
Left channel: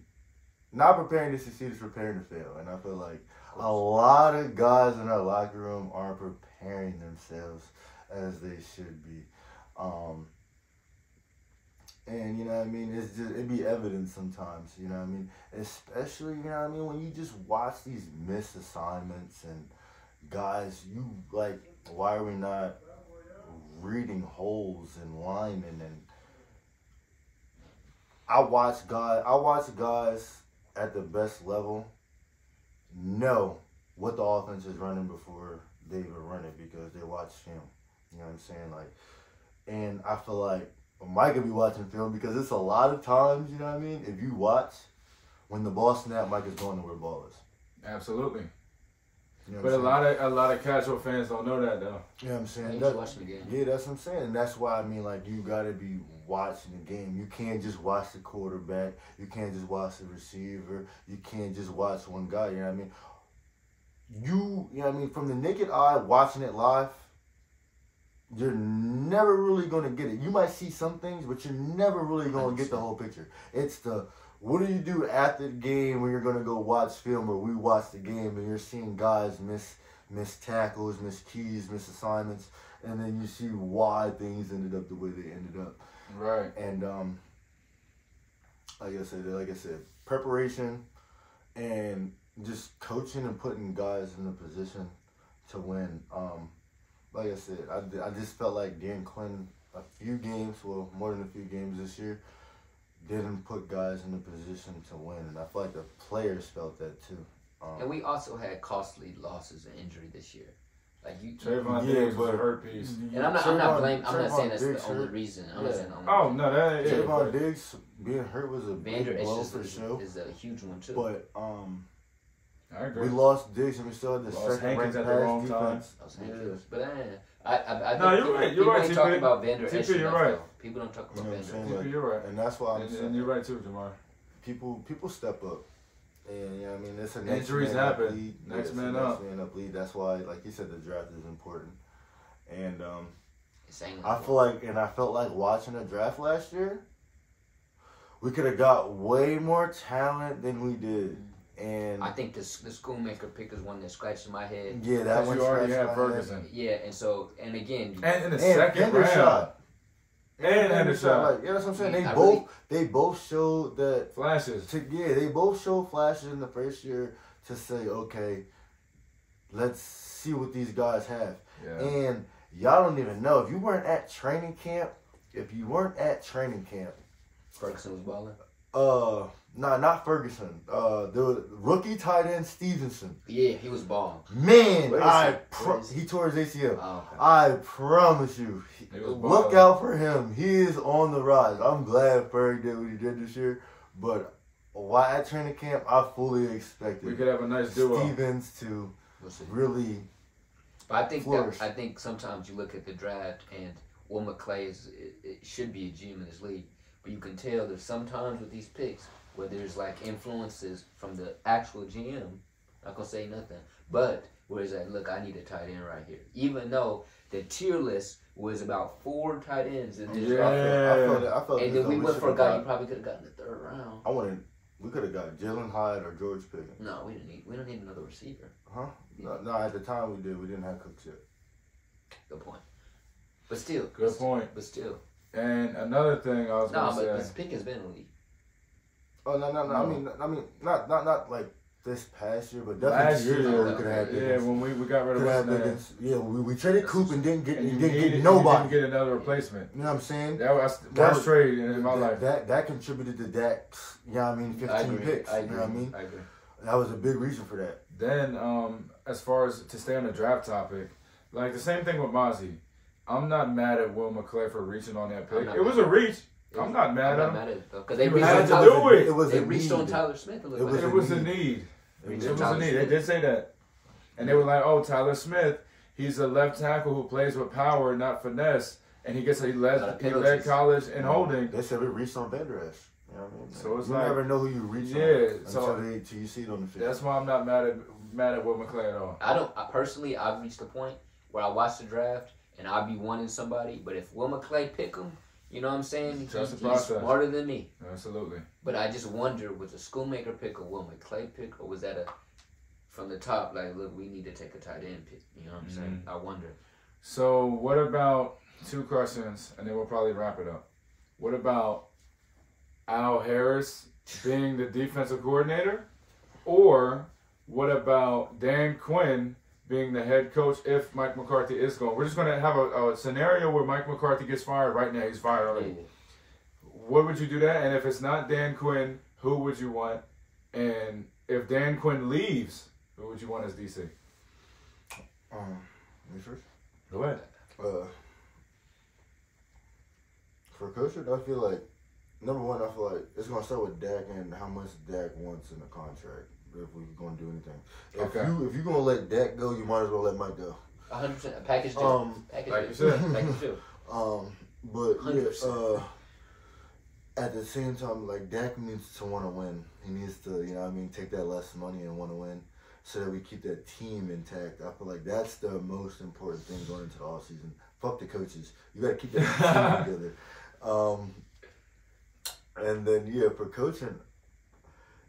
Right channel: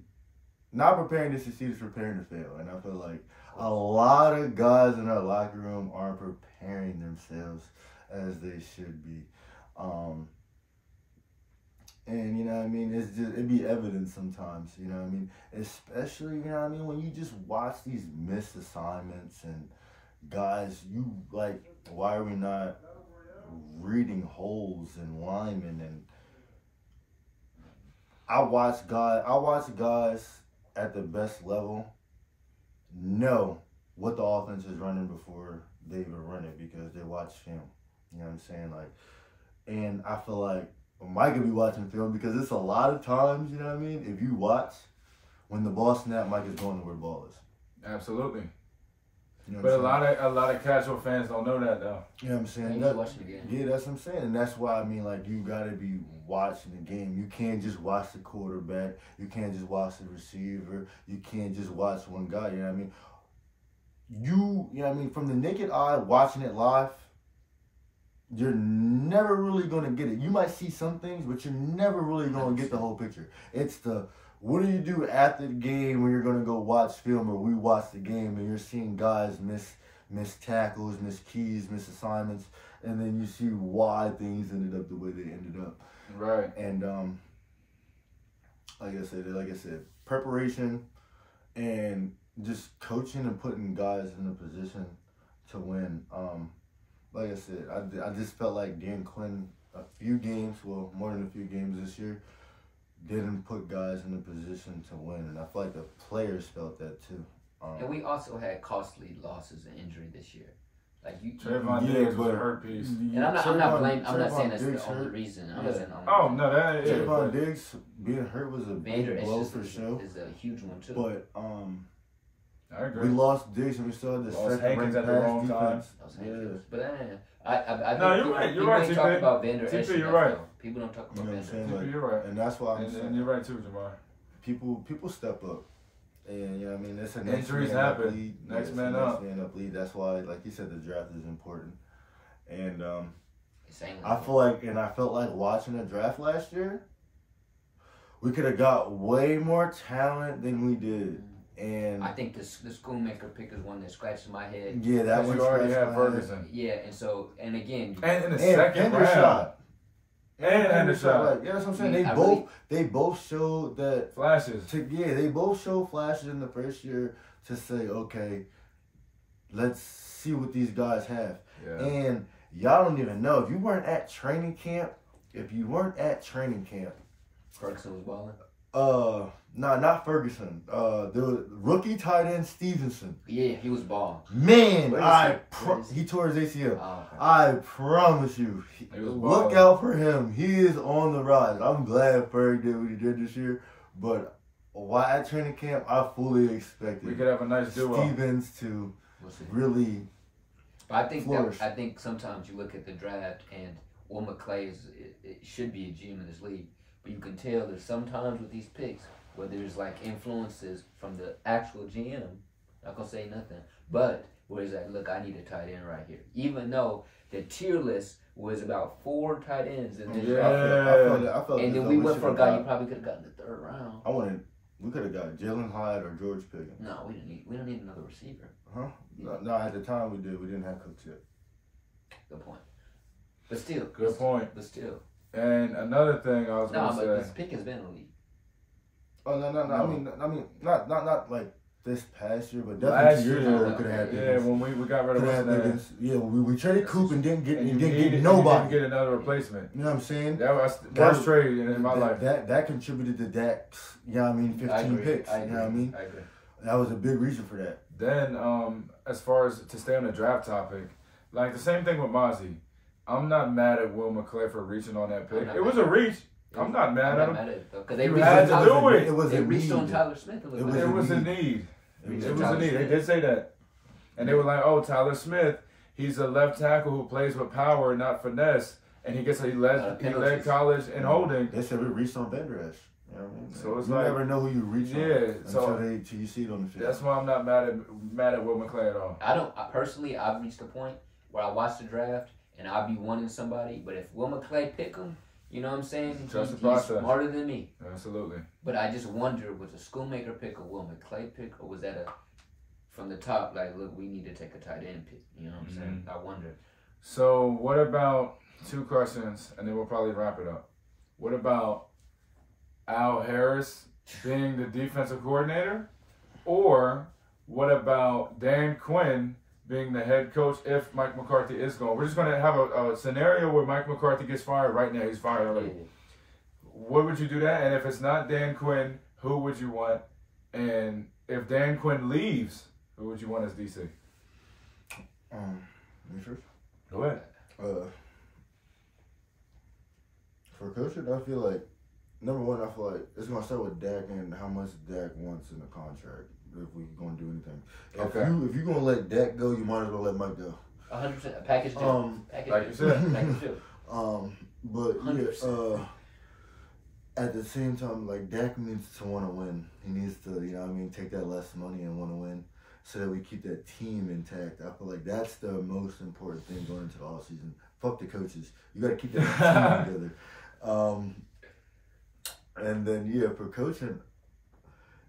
Not preparing to succeed is preparing to fail, and I feel like a lot of guys in our locker room aren't preparing themselves as they should be. And, you know what I mean, it'd be evident sometimes, you know what I mean? Especially, you know what I mean, when you just watch these missed assignments and guys, you, like, why are we not reading holes in linemen? And I watch guys at the best level know what the offense is running before they even run it because they watch film. You know what I'm saying? Like, and I feel like Mike could be watching film because it's a lot of times, you know what I mean? If you watch, when the ball snap, Mike is going to where the ball is. Absolutely. You know But what I'm a lot of casual fans don't know that though. You know what I'm saying? He's That, watching the game. yeah, that's what I'm saying. And that's why I mean, like, you gotta be watching the game. You can't just watch the quarterback. You can't just watch the receiver. You can't just watch one guy. You know what I mean? You know what I mean? From the naked eye, watching it live, you're never really gonna get it. You might see some things, but you're never really gonna get the whole picture. It's the what do you do after the game when you're gonna go watch film or we watch the game and you're seeing guys miss tackles, miss keys, miss assignments, and then you see why things ended up the way they ended up. Right. And like I said, preparation and just coaching and putting guys in a position to win. Like I said, I just felt like Dan Quinn a few games, well, more than a few games this year, didn't put guys in a position to win, and I feel like the players felt that too. And we also had costly losses and injury this year. Like you, Trayvon Diggs was a hurt piece. and I'm not saying that's the only reason. I'm not saying. Oh no, that is. Trayvon Diggs being hurt was a Vander big blow for sure. Is a huge one too. But I agree. we lost Diggs and we still had the Lost second ranked Hankins at the wrong defense. But I No, think you're right. people You're right, ain't talk TP. about Vander Esch TP, you're enough, right. though. People don't talk You about know what I'm Vander. saying? Like, You're right. and that's why I'm saying And you're right too, Jamar. people step up. And you know what I mean, it's a Injuries happen. Next man up. Next man up lead. That's why, like you said, the draft is important. And Same I felt like watching the draft last year, we could have got way more talent than we did. And I think the Schoonmaker pick is one that scratches my head. yeah, that Because one you already scratched had my head. Ferguson. Yeah, and again, And in the second round. Hendershot. And Hendershot. Like, yeah, that's what I'm saying. Yeah, They both showed that. Flashes. They both showed flashes in the first year to say, okay, let's see what these guys have. Yeah. And y'all don't even know if you weren't at training camp. Ferguson was balling. No, not Ferguson. The rookie tight end Stevenson. Yeah, he was balling. Man, Where is he? he tore his ACL. Oh, okay. I promise you, He was look balling. out for him. He is on the rise. I'm glad Ferg did what he did this year, but while at training camp, I fully expected We could have a nice duo. Stevens to We'll see. really. But flourish. I think sometimes you look at the draft and Will McClay it should be a GM in this league, but you can tell that sometimes with these picks, where there's like influences from the actual GM, not gonna say nothing, but where it's like, look, I need a tight end right here, even though the tier list was about 4 tight ends in this draft. I felt And as then though we went for a should've guy you got- probably could have gotten in the 3rd round. We could have got Jalen Hyde or George Pickens. No, we don't need another receiver. Huh? No, at the time we did. We didn't have Cooks yet. Good point. But still. Good point. But still. And another thing I was No, going but to this say. pick has been elite. Oh no. No. I mean, not like this past year, but Last definitely 2 years year, ago we could have had yeah, Pickens. when we got rid of Could have what's had his name. Pickens. Yeah, we traded Coop and didn't get And you needed- and nobody. you didn't get another replacement. You know what I'm saying? That was the That worst was- trade in my life. That contributed to Dak's, 15 picks. I You know what I mean? I agree. That was a big reason for that. Then, as far as to stay on the draft topic, like the same thing with Mozzie. I'm not mad at Will McClay for reaching on that pick. not It was mad. a reach. I'm not mad at him. Because they You reached had on to Tyler, do it. It was they a reached on need. Tyler Smith a little It bit. It was a need. need. It It was was a a need. need. They did say that. And they were like, oh, Tyler Smith, he's a left tackle who plays with power, not finesse. And he led penalties. college in holding. They said we reached on Vander Esch. You know what I mean? So it's you like- never know who you reach Yeah, on so- until you see it on the field. That's why I'm not mad at Will McClay at all. Personally, I've reached the point where I watch the draft and I'll be wanting somebody, but if Will McClay pick him, you know what I'm saying? Trust the He's process. smarter than me. Absolutely. But I just wonder, was a Schoonmaker pick a Will McClay pick, or was that from the top, like, look, we need to take a tight end pick? You know what I'm saying? I wonder. So what about 2 questions, and then we'll probably wrap it up. What about Al Harris being the defensive coordinator? Or what about Dan Quinn being the head coach if Mike McCarthy is gone? We're just going to have a scenario where Mike McCarthy gets fired right now. He's fired already. What would you do that? And if it's not Dan Quinn, who would you want? And if Dan Quinn leaves, who would you want as DC? Me first? Go ahead. For coaching, I feel like number one, I feel like it's gonna start with Dak and how much Dak wants in the contract. if we're going to do anything. If you're going to let Dak go, you might as well let Mike go. 100%. Package deal. Package deal. But yeah, at the same time, like Dak needs to want to win. He needs to, take that less money and want to win, so that we keep that team intact. I feel like that's the most important thing going into the offseason. Fuck the coaches. You got to keep that team together. And then for coaching,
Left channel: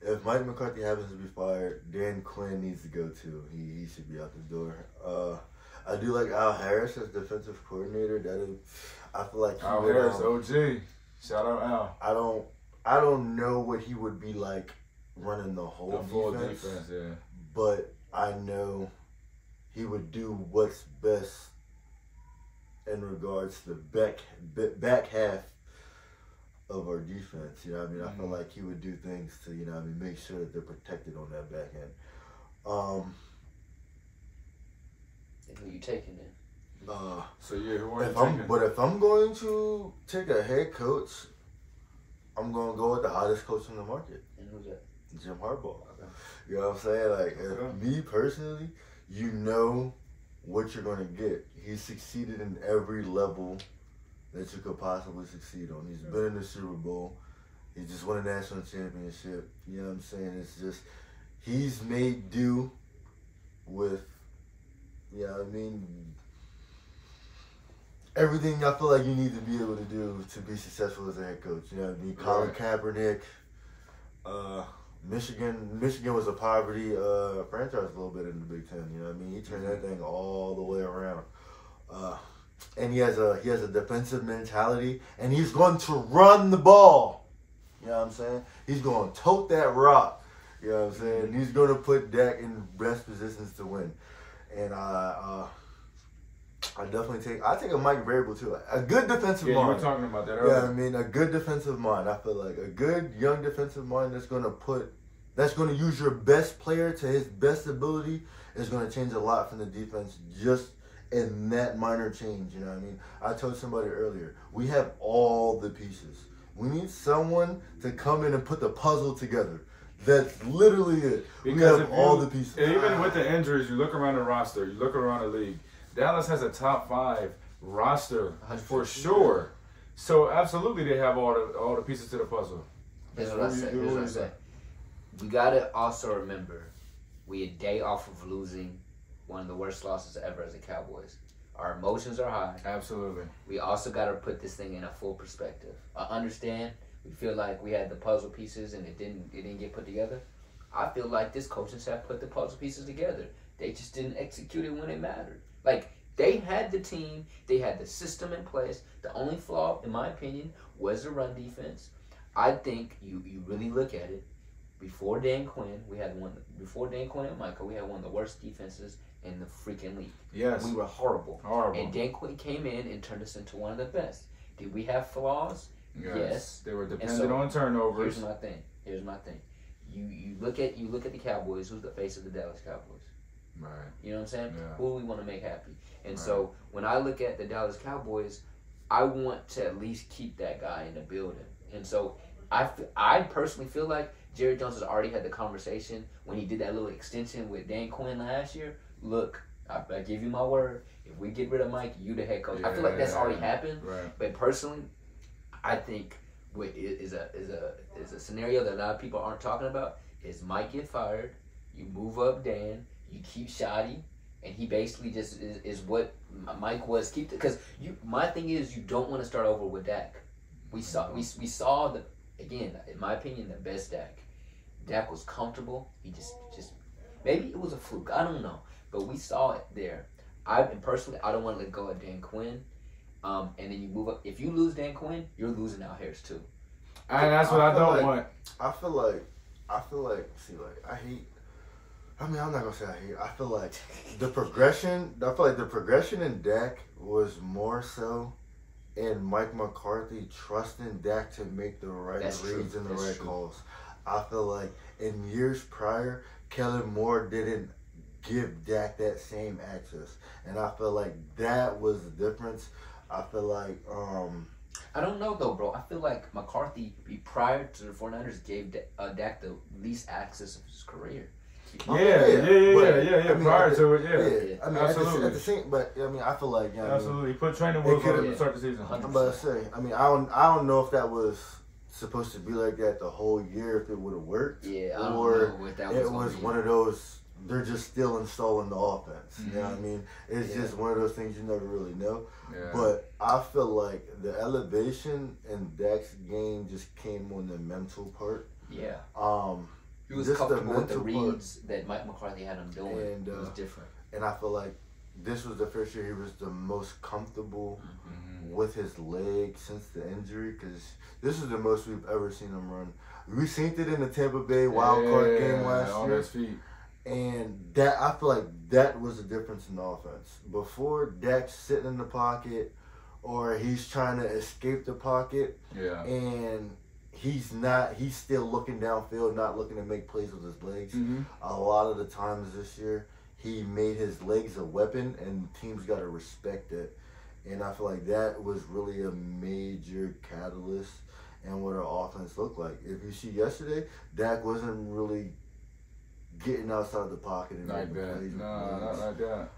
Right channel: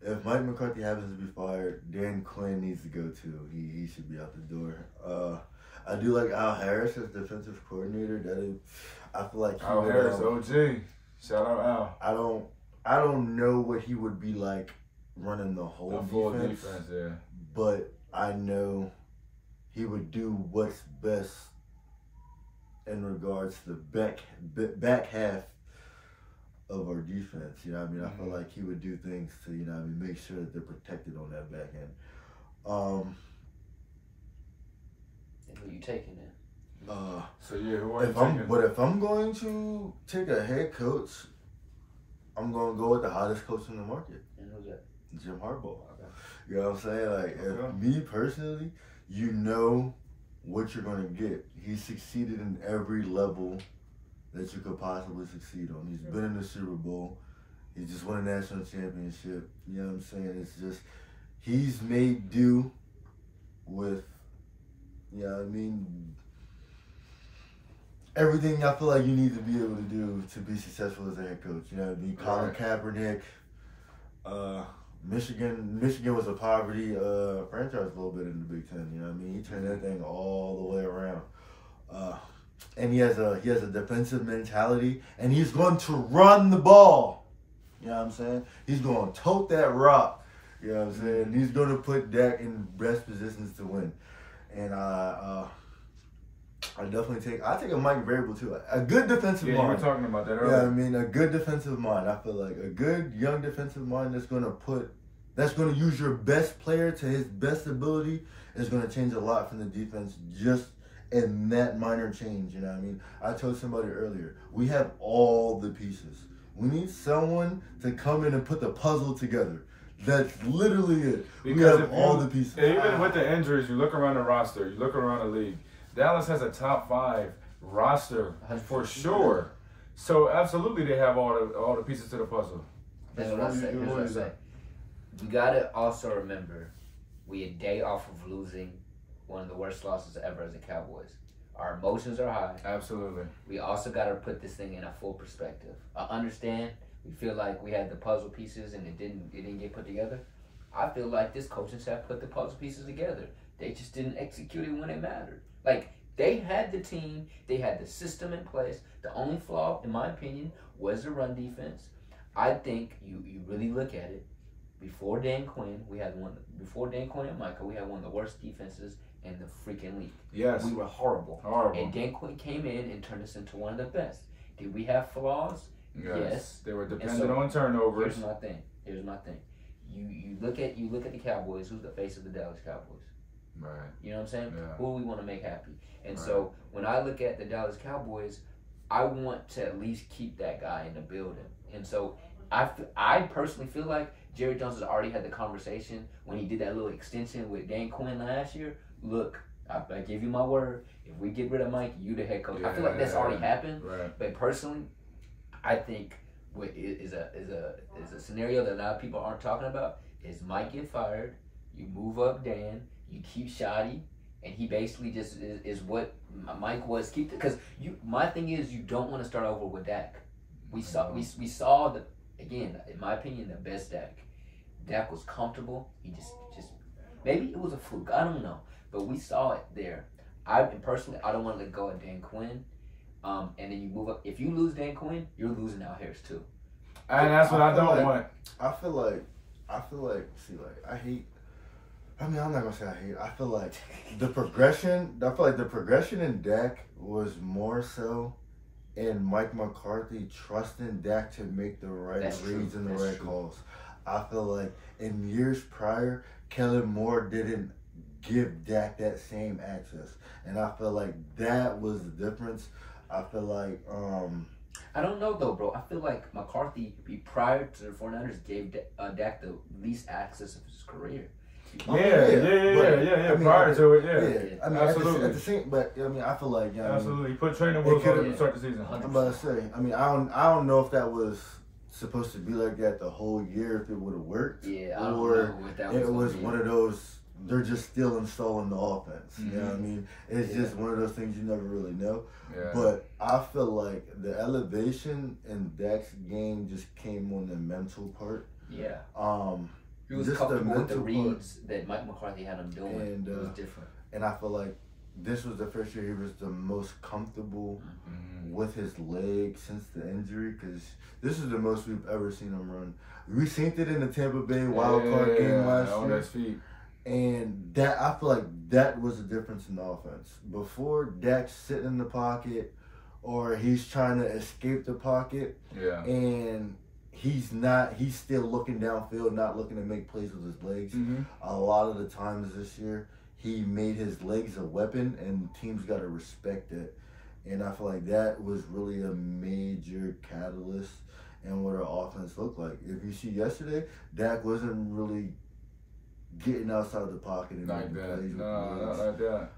if Mike McCarthy happens to be fired, Dan Quinn needs to go too. He should be out the door. I do like Al Harris as defensive coordinator. I feel like Al Harris, OG. Shout out Al. I don't know what he would be like running the whole defense, yeah. But I know he would do what's best in regards to the back half of our defense. I feel like he would do things to, make sure that they're protected on that back end. And who you taking then? If I'm going to take a head coach, I'm going to go with the hottest coach in the market. And who's that? Jim Harbaugh. Okay. You know what I'm saying? Like, me personally, you know what you're going to get. He's succeeded in every level that you could possibly succeed on. He's been in the Super Bowl. He just won a national championship. You know what I'm saying? It's just, he's made do with, everything I feel like you need to be able to do to be successful as a head coach. Colin Kaepernick, Michigan was a poverty franchise a little bit in the Big Ten. He turned that thing all the way around. And he has a defensive mentality, and he's going to run the ball. You know what I'm saying? He's going to tote that rock. You know what I'm saying? He's going to put Dak in best positions to win. And I take a Mike Vrabel too. A good defensive mind. You were talking about that earlier. A good defensive mind. I feel like a good young defensive mind that's going to use your best player to his best ability is going to change a lot from the defense just in that minor change. You know what I mean? I told somebody earlier, we have all the pieces. We need someone to come in and put the puzzle together. That's literally it. We have all the pieces. Even with the injuries, you look around the roster, you look around the league. Dallas has a top 5 roster for sure. So absolutely, they have all the pieces to the puzzle. That's what I say. We gotta also remember, we a day off of losing one of the worst losses ever as a Cowboys. Our emotions are high. Absolutely. We also gotta put this thing in a full perspective. I understand. We feel like we had the puzzle pieces and it didn't get put together. I feel like this coaching staff put the puzzle pieces together. They just didn't execute it when it mattered. Like, they had the team, they had the system in place. The only flaw, in my opinion, was the run defense. I think you really look at it. Before Dan Quinn and Micah, we had one of the worst defenses in the freaking league. Yes. We were horrible. Horrible. And Dan Quinn came in and turned us into one of the best. Did we have flaws? Yes. They were dependent on turnovers. Here's my thing. You look at the Cowboys. Who's the face of the Dallas Cowboys? Right. You know what I'm saying? Yeah. Who do we want to make happy? And so when I look at the Dallas Cowboys, I want to at least keep that guy in the building. And so I personally feel like Jerry Jones has already had the conversation when he did that little extension with Dan Quinn last year. Look, I give you my word. If we get rid of Mike, you the head coach. I feel like that's already happened. Right. But personally, I think what is a scenario that a lot of people aren't talking about is Mike get fired, you move up Dan, you keep Shoddy, and he basically just is what Mike was. My thing is, you don't want to start over with Dak. We saw the, again, in my opinion, the best Dak. Dak was comfortable. He just maybe it was a fluke. I don't know, but we saw it there. Personally, I don't want to let go of Dan Quinn. And then you move up. If you lose Dan Quinn, you're losing Al Harris too. And that's what I don't want. I feel like, I hate. I mean, I'm not gonna say I hate. I feel like the progression in Dak was more so in Mike McCarthy trusting Dak to make the right reads and the right calls. I feel like in years prior, Kellen Moore didn't give Dak that same access, and I feel like that was the difference. I feel like I don't know though, bro. I feel like McCarthy, prior to the 49ers, gave Dak the least access of his career. Yeah. Prior to it, yeah. I mean, absolutely. At the same, but I mean, I feel like absolutely. He put training wheels on him to start the season. 100%. I'm about to say. I mean, I don't know if that was supposed to be like that the whole year, if it would have worked. Yeah, I don't or know what that it was one of those. They're just still installing the offense. Mm-hmm. You know what I mean? It's just one of those things you never really know. Yeah. But I feel like the elevation in Dak's game just came on the mental part. Yeah. He was just comfortable with the mental reads that Mike McCarthy had him doing. And, it was different. And I feel like this was the first year he was the most comfortable with his leg since the injury, because this is the most we've ever seen him run. We seen it in the Tampa Bay wildcard game last on year. his feet. And that, I feel like that was the difference in the offense. Before, Dak's sitting in the pocket or he's trying to escape the pocket. Yeah. And he's still looking downfield, not looking to make plays with his legs. Mm-hmm. A lot of the times this year, he made his legs a weapon, and teams got to respect it. And I feel like that was really a major catalyst in what our offense looked like. If you see yesterday, Dak wasn't really getting outside the pocket and Like making that. plays with No, legs. not like that.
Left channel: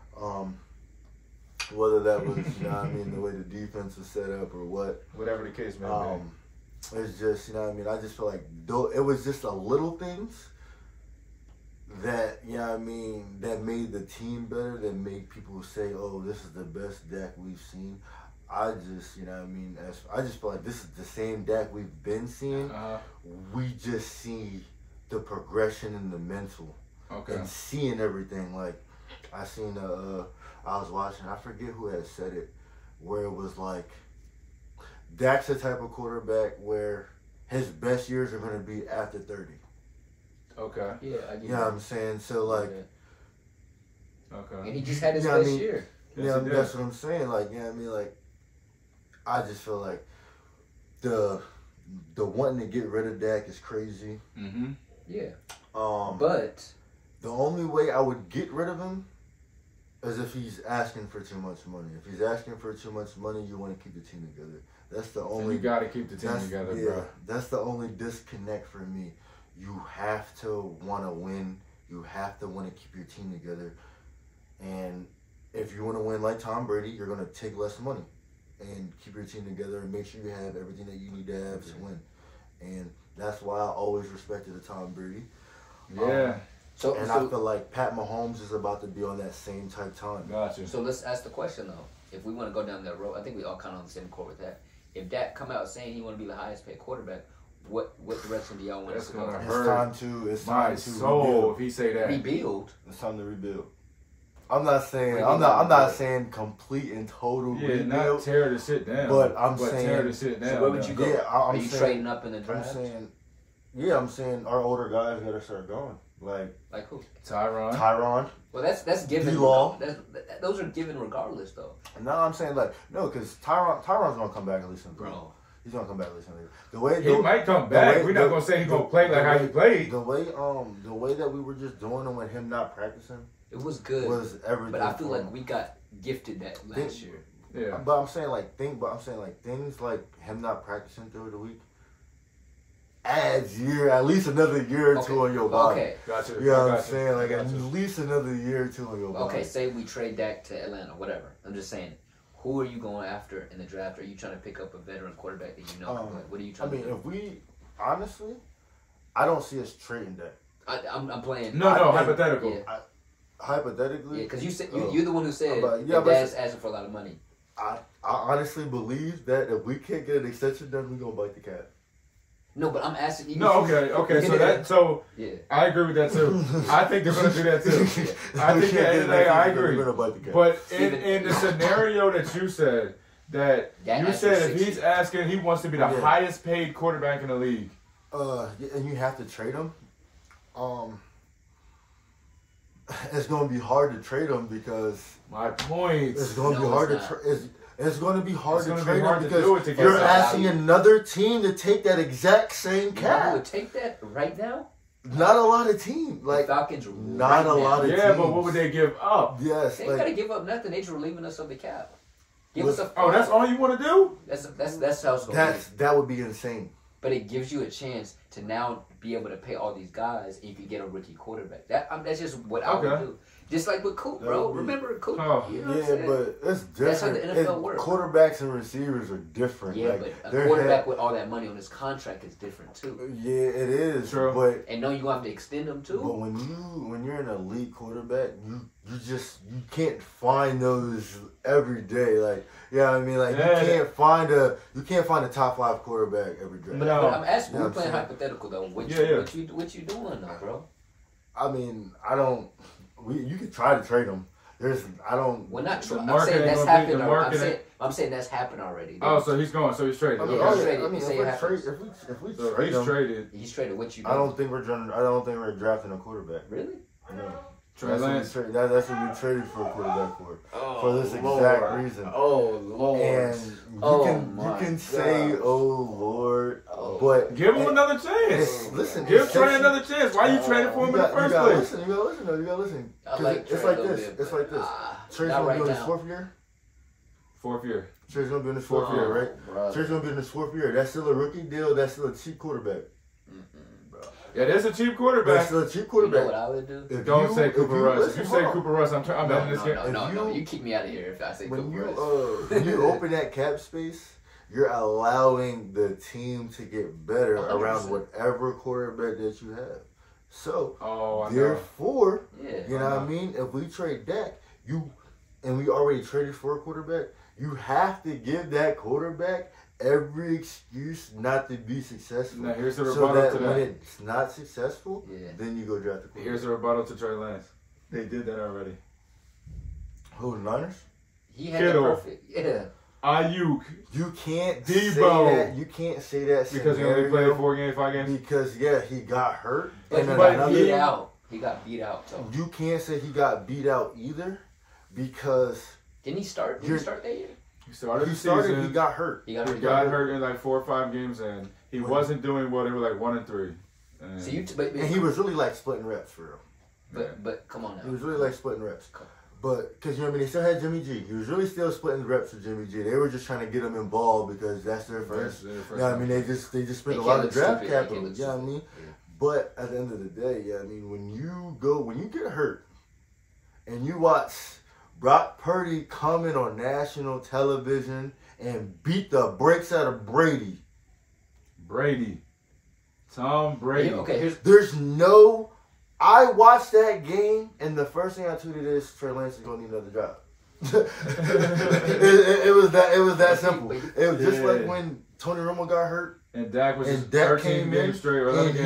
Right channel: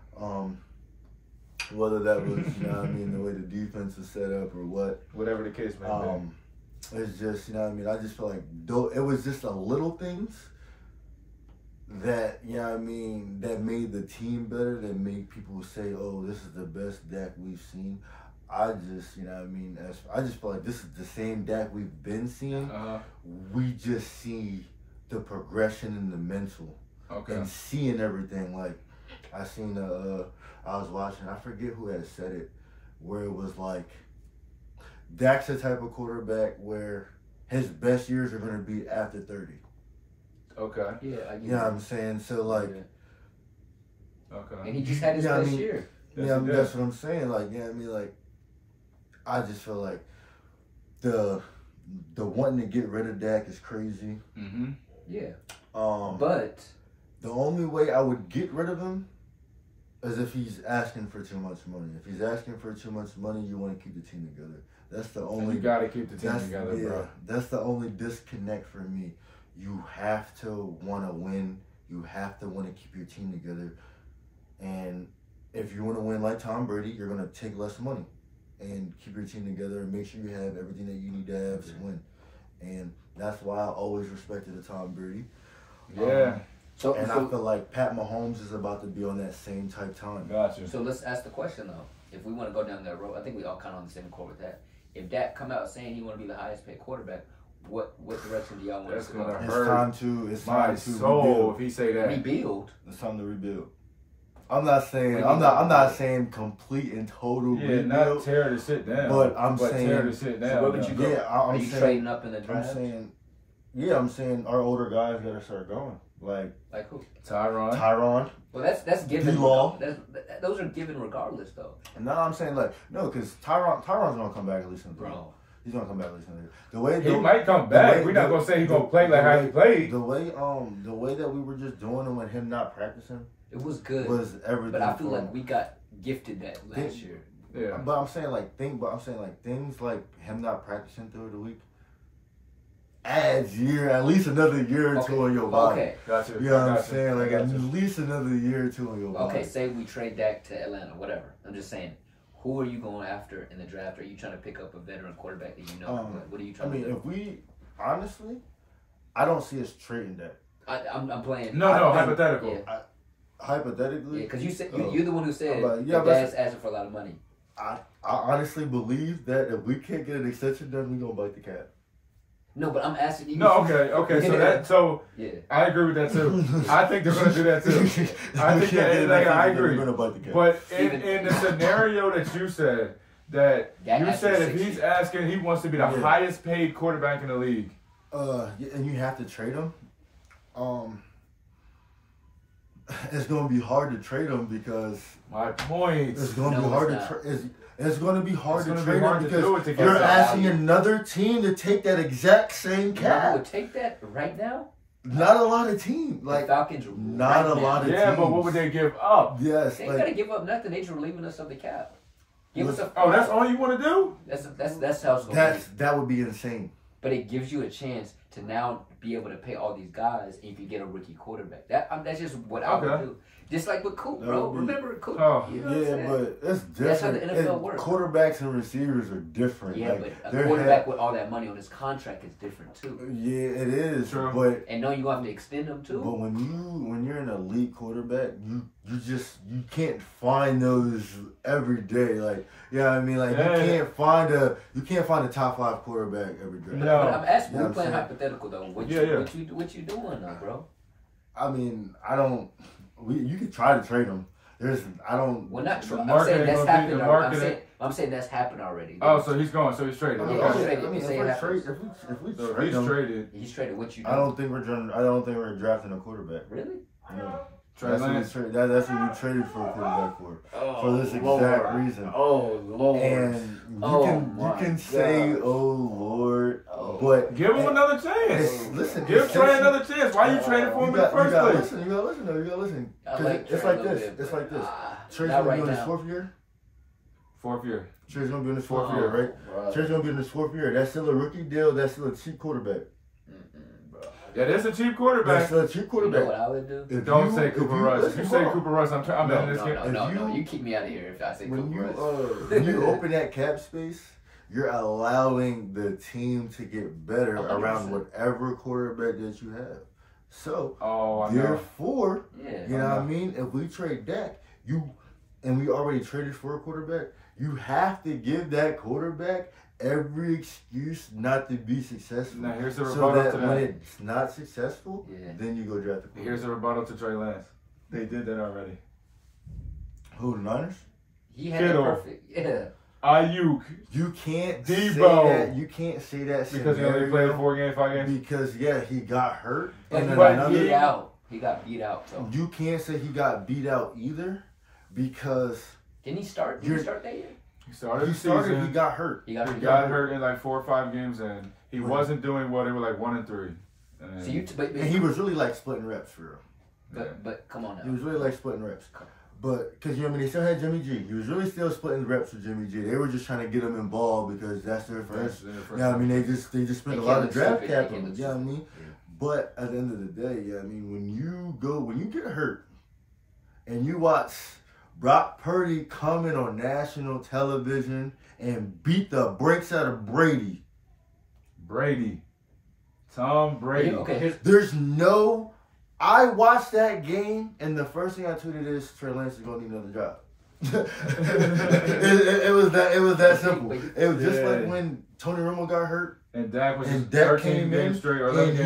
Whether that was, you know what I mean, the way the defense was set up or what. Whatever the case may be. It's just, you know what I mean, I just feel like it was just a little things that, you know what I mean, that made the team better, that made people say, oh, this is the best Dak we've seen. I just, you know what I mean, I just feel like this is the same Dak we've been seeing. We just see the progression in the mental. Okay. And seeing everything. Like, I seen I was watching, I forget who had said it, where it was like, Dak's the type of quarterback where his best years are going to be after 30. Okay. Yeah, You know what I'm saying? So, like... Okay. And he just had his best year. Yeah, that's what I'm saying. Like, you know what I mean? Like, I just feel like the wanting to get rid of Dak is crazy. Mm-hmm. Yeah. But the only way I would get rid of him is if he's asking for too much money. If he's asking for too much money, you want to keep the team together. That's the only. And you got to keep the team together, bro. That's the only disconnect for me. You have to want to win. You have to want to keep your team together. And if you want to win like Tom Brady, you're going to take less money and keep your team together and make sure you have everything that you need to have to win. And that's why I always respected the Tom Brady. Yeah. I feel like Pat Mahomes is about to be on that same type time. Gotcha. So let's ask the question, though. If we want to go down that road, I think we all kind of on the same accord with that. If Dak come out saying he want to be the highest paid quarterback, what direction do y'all want us to go? It's time to rebuild. If he say that, rebuild. It's time to rebuild. I'm not saying complete and total rebuild. Not tear to sit down. But I'm saying tear to sit down. So where would you go? Yeah, Are you trading up in the draft? I'm saying our older guys gotta start going. Like who? Tyron. Well, that's given. D-Law. Those are given regardless, though. No, I'm saying because Tyron's gonna come back at least in the bro. He's gonna come back at least in the he might come back. We're not gonna say he's gonna play like how he played. The way that we were just doing him with him not practicing. It was good. Was everything. But I feel like we got gifted that last year. Yeah. But I'm saying things like him not practicing through the week adds at least another year or two on your body. Okay. Gotcha. You know what I'm saying? Like at least another year or two on your body. Okay, say we trade Dak to Atlanta, whatever. I'm just saying, who are you going after in the draft? Are you trying to pick up a veteran quarterback that you know? What are you trying to do? If we, honestly, I don't see us trading Dak. I'm playing. No, hypothetical. Yeah. Hypothetically? Yeah, because you said you're the one who said Dad's asking for a lot of money. I honestly believe that if we can't get an extension done, we're gonna bite the cap. No, but I'm asking you. No, okay. So yeah, I agree with that too. I think they're gonna do that too. I agree. We're gonna bite the cap. But in the scenario that you said, if he's asking, he wants to be the highest paid quarterback in the league. And you have to trade him. It's going to be hard to trade him because my point. It's going to be hard to trade. It's going to be hard to trade him because you're asking another team to take that exact same cap. You would take that right now? Not a lot of teams. Like the Falcons, not a lot of teams. Yeah, but what would they give up? Yes, they ain't got to give up nothing. They just relieving us of the cap. Give us a. Oh, that's all you want to do? That's how it's gonna be. That would be insane. But it gives you a chance to now be able to pay all these guys, and you can get a rookie quarterback. That's just what I would do. Just like with Coop, bro. Remember Coop? Oh, you know yeah, but it's different. That's how the NFL works. Quarterbacks and receivers are different. Yeah, like, but a quarterback with all that money on his contract is different too. Yeah, it is. True. But and no, you have to extend them too. But when you're an elite quarterback, you can't find those every day. Like, you know what I mean? Like, you can't find a top 5 quarterback every day. But I'm asking, we're playing hypothetical though. What you doing though, bro? I mean, you could try to trade him. Well, not true. I'm saying that's happened already. I'm saying that's happened already. Oh, so he's going. So he's traded. He's traded. He's traded. What you do? I don't think we're drafting a quarterback. Really? No. That's what we traded for a quarterback for this exact reason. Oh Lord! And you can say, "Oh Lord," but give him another chance. Listen, give Trey another chance. Why you traded for him in the first place? You gotta listen. It's like this. Trey's gonna be in his 4th year. 4th year. Trey's gonna be in his 4th year, right? Brother. Trey's gonna be in his 4th year. That's still a rookie deal. That's still a cheap quarterback. Yeah, that's a cheap quarterback. That's still a cheap quarterback. You know what I would do? Don't say Cooper Rush. If you say Cooper Rush, I'm betting this game. No, you keep me out of here if I say Cooper Rush. When you open that cap space, you're allowing the team to get better 100%. Around whatever quarterback that you have. So, therefore, you know what I mean? If we trade Dak, and we already traded for a quarterback, you have to give that quarterback every excuse not to be successful. Now here's a rebuttal so that to when that. it's not successful, then you go draft the quarterback. Here's a rebuttal to Trey Lance. They did that already. Who, the Niners? He had Kittle. Perfect. Yeah. Ayuk. You can't Debo. say that. You can't say that because he only played 4 games, 5 games. Because he got hurt. But he got beat out. He got beat out. So. You can't say he got beat out either, because didn't he start? Did he start that year? He started. He got hurt. He got hurt in like 4 or 5 games, and he wasn't doing well. They were like 1-3. And, so and he was really like splitting reps for real. But come on now. He was really like splitting reps. But, because, you know what I mean, they still had Jimmy G. He was really still splitting reps with Jimmy G. They were just trying to get him involved because that's their first. Yeah, I mean, they just spent a lot of draft capital. Yeah, I mean. Yeah. But, at the end of the day, yeah, I mean, when you get hurt and you watch Brock Purdy coming on national television and beat the brakes out of Brady. Tom Brady. Yeah, okay, I watched that game, and the first thing I tweeted is Trey Lance is gonna need another job. it was that simple. It was just like when Tony Romo got hurt, and Dak was 13 games straight, or and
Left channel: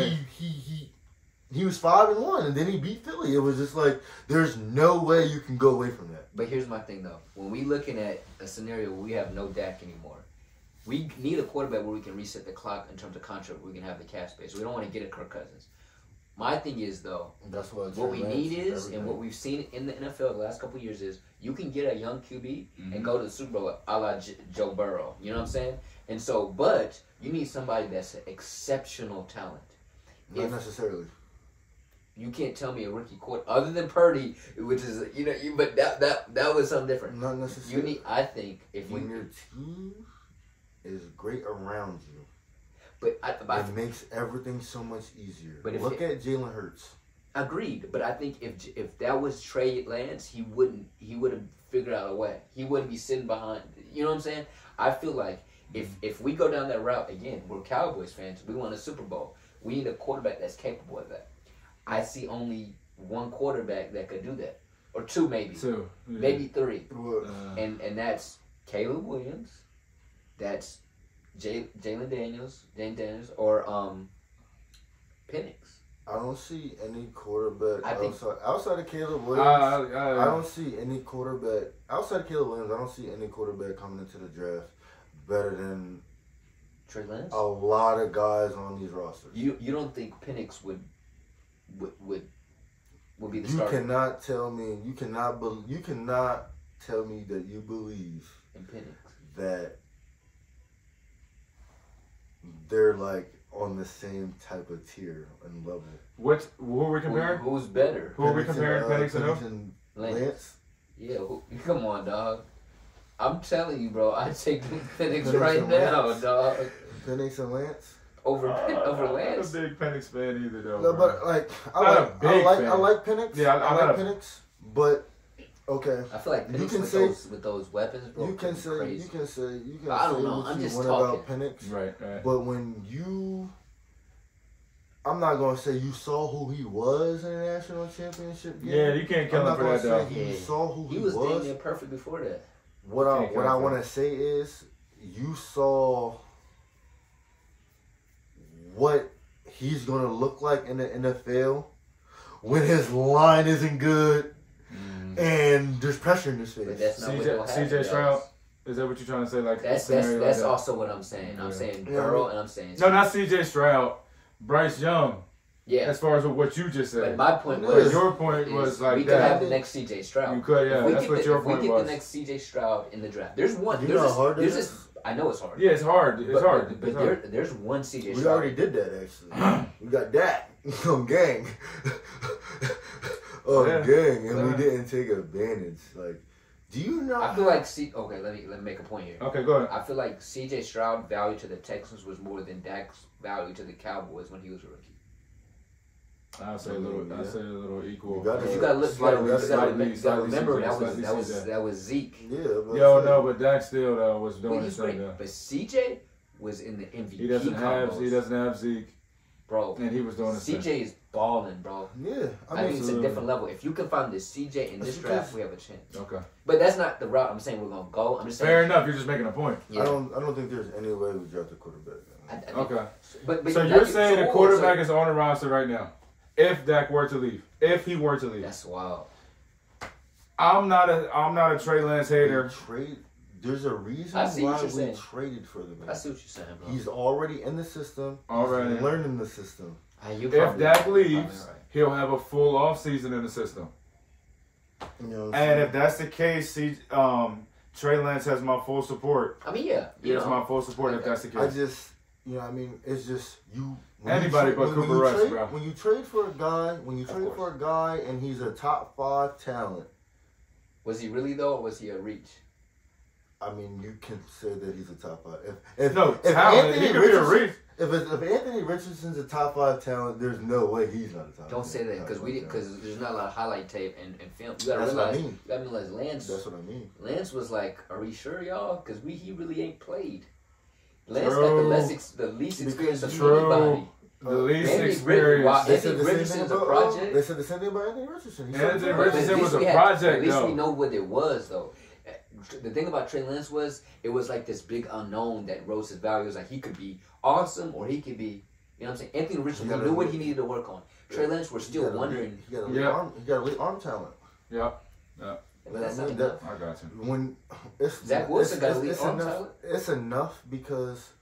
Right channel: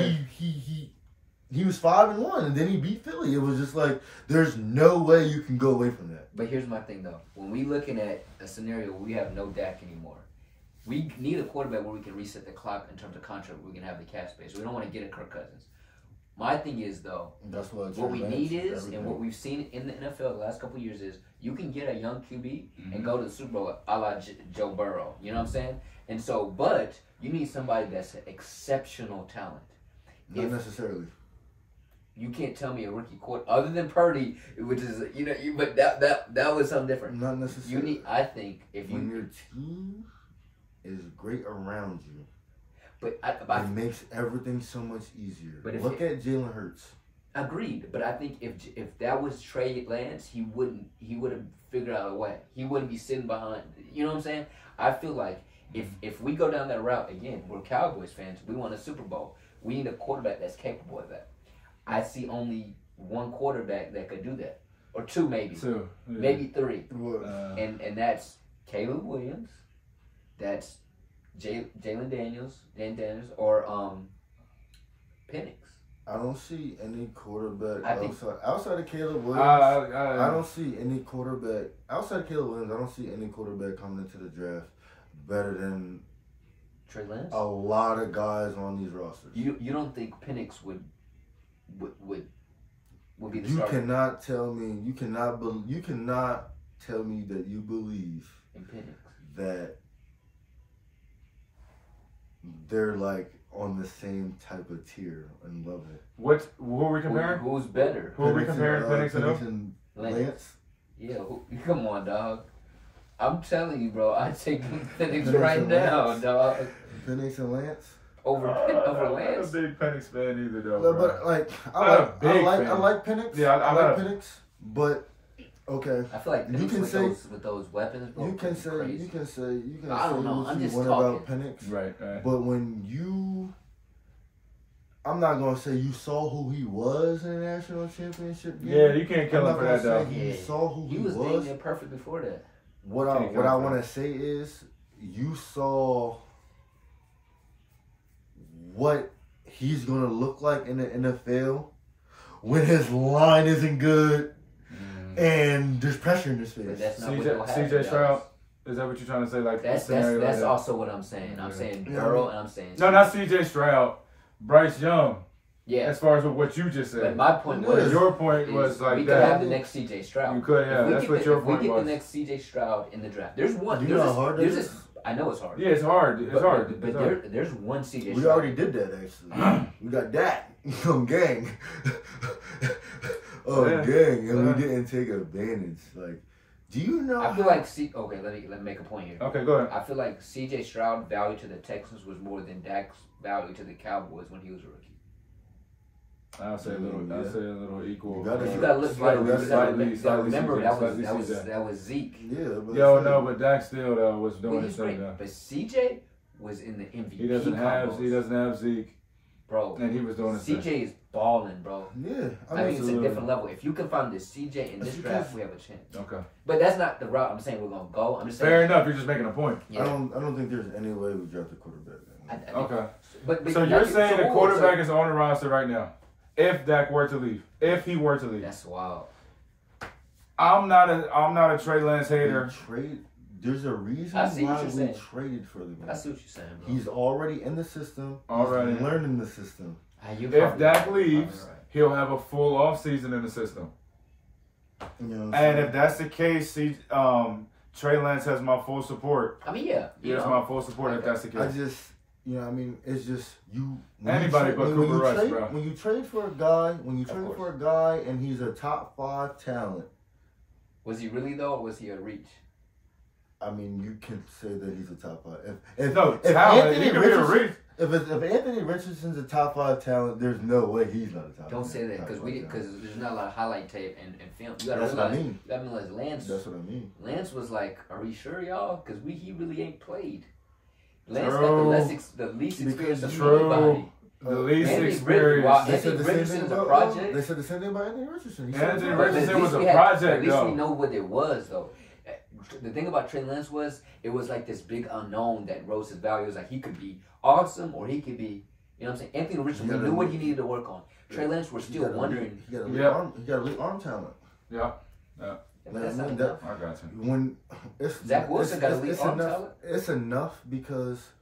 he was 5-1, and then he beat Philly. It was just like there's no way you can go away from that. But here's my thing though: when we looking at a scenario where we have no Dak anymore, we need a quarterback where we can reset the clock in terms of contract, where we can have the cap space. So we don't want to get a Kirk Cousins. My thing is though, what we need is, and what we've seen in the NFL the last couple of years is, you can get a young QB and go to the Super Bowl a la Joe Burrow. You know what I'm saying? And so, but you need somebody that's an exceptional talent. Not necessarily. You can't tell me a rookie quarterback other than Purdy, which is but that was something different. Not necessarily. When your team is great around you. But it makes everything so much easier. But look at Jalen Hurts. Agreed, but I think if that was Trey Lance, he would have figured out a way. He wouldn't be sitting behind. You know what I'm saying? I feel like if we go down that route again, we're Cowboys fans. We want a Super Bowl. We need a quarterback that's capable of that. I see only one quarterback that could do that, or two maybe, maybe 3, and that's Caleb Williams. That's Jalen Daniels, or Penix. I don't see any quarterback outside of Caleb Williams. I don't see any quarterback outside of Caleb Williams. I don't see any quarterback coming into the draft better than Trey Lance. A lot of guys on these rosters. You don't think Penix would be the starter? You cannot tell me. You cannot tell me that you believe in Penix that they're like on the same type of tier and level. Who are we comparing? Who's better? Who are we comparing? Penix and Lance? Yeah, come on, dog. I'm telling you, bro. I take Penix right now, dog. Penix and Lance. Over Lance. I'm not a big Penix fan either, though. No, bro. but like I like Penix. Yeah, I like Penix, but okay. I feel like Penix You can with those weapons, bro. You can say I don't know. what I'm you just want talking. about Penix, Right. but when you, I'm not gonna say you saw who he was in the national championship game. Yeah, you can't kill him for that, though. You saw who he was. He was dang near perfect before that. What I want to say is you saw what he's gonna look like in the NFL when his line isn't good and there's pressure in his face. But that's not CJ Stroud. Is that what you're trying to say? Like that's also what I'm saying. I'm saying Burrow and I'm saying no, not CJ Stroud. Bryce Young. Yeah. As far as what you just said. But my point was your point was like we that. could have the next CJ Stroud. You could, yeah. That's what your point was. We get the next CJ Stroud in the draft. There's one. You know how hard it is? I know it's hard. Yeah, it's hard. It's hard. But there's one CJ Stroud. We already did that actually. We got that on gang. Gang, and we didn't take advantage. Like, do you know? I feel like okay, let me make a point here. Okay, go ahead. I feel like CJ Stroud value to the Texans was more than Dak's value to the Cowboys when he was a rookie. I'll say a little equal. You gotta remember that was Zeke. Yeah, but Dak still though was doing his thing though. But CJ was in the MVP. He doesn't have Zeke, bro. And he was doing his CJ thing. is balling, bro. Yeah, I think it's a different level. If you can find this CJ in this draft, we have a chance. Okay. But that's not the route I'm saying we're gonna go. I'm just saying. Fair enough. You're just making a point. Yeah. I don't think there's any way we draft a quarterback. Okay. But so you're saying the quarterback is on the roster right now? If Dak were to leave, if he were to leave, that's wild. I'm not a Trey Lance hater. There's a reason why we traded for the man. I see what you're saying, bro. He's already in the system. Already learning the system. If Dak leaves, he'll have a full off season in the system. You know and if that's the case, Trey Lance has my full support. I mean, yeah, he has my full support if that's the case. It's just you. Anybody but Cooper Rush, bro. When you trade for a guy, and he's a top 5 talent. Was he really though, or was he a reach? I mean, you can say that he's a top 5. If Anthony Richardson's a top 5 talent, there's no way he's not a top. Don't say that because there's not a lot of highlight tape and film. You gotta realize. You gotta realize Lance. That's what I mean. Lance was like, "Are we sure, y'all? Because he really ain't played." Lance got the least experience of anybody. The least experience. Anthony Richardson was a project. They said the same thing about Anthony Richardson. Anthony Richardson was a project, At least we know what it was, though. The thing about Trey Lance it was like this big unknown that rose his value. It was like he could be awesome or he could be, you know what I'm saying? Anthony Richardson, we knew what he needed to work on. Trey Lance, we're still wondering. He got elite arm talent. Yeah. That's not enough. I got you. When Zach Wilson got elite arm talent. It's enough because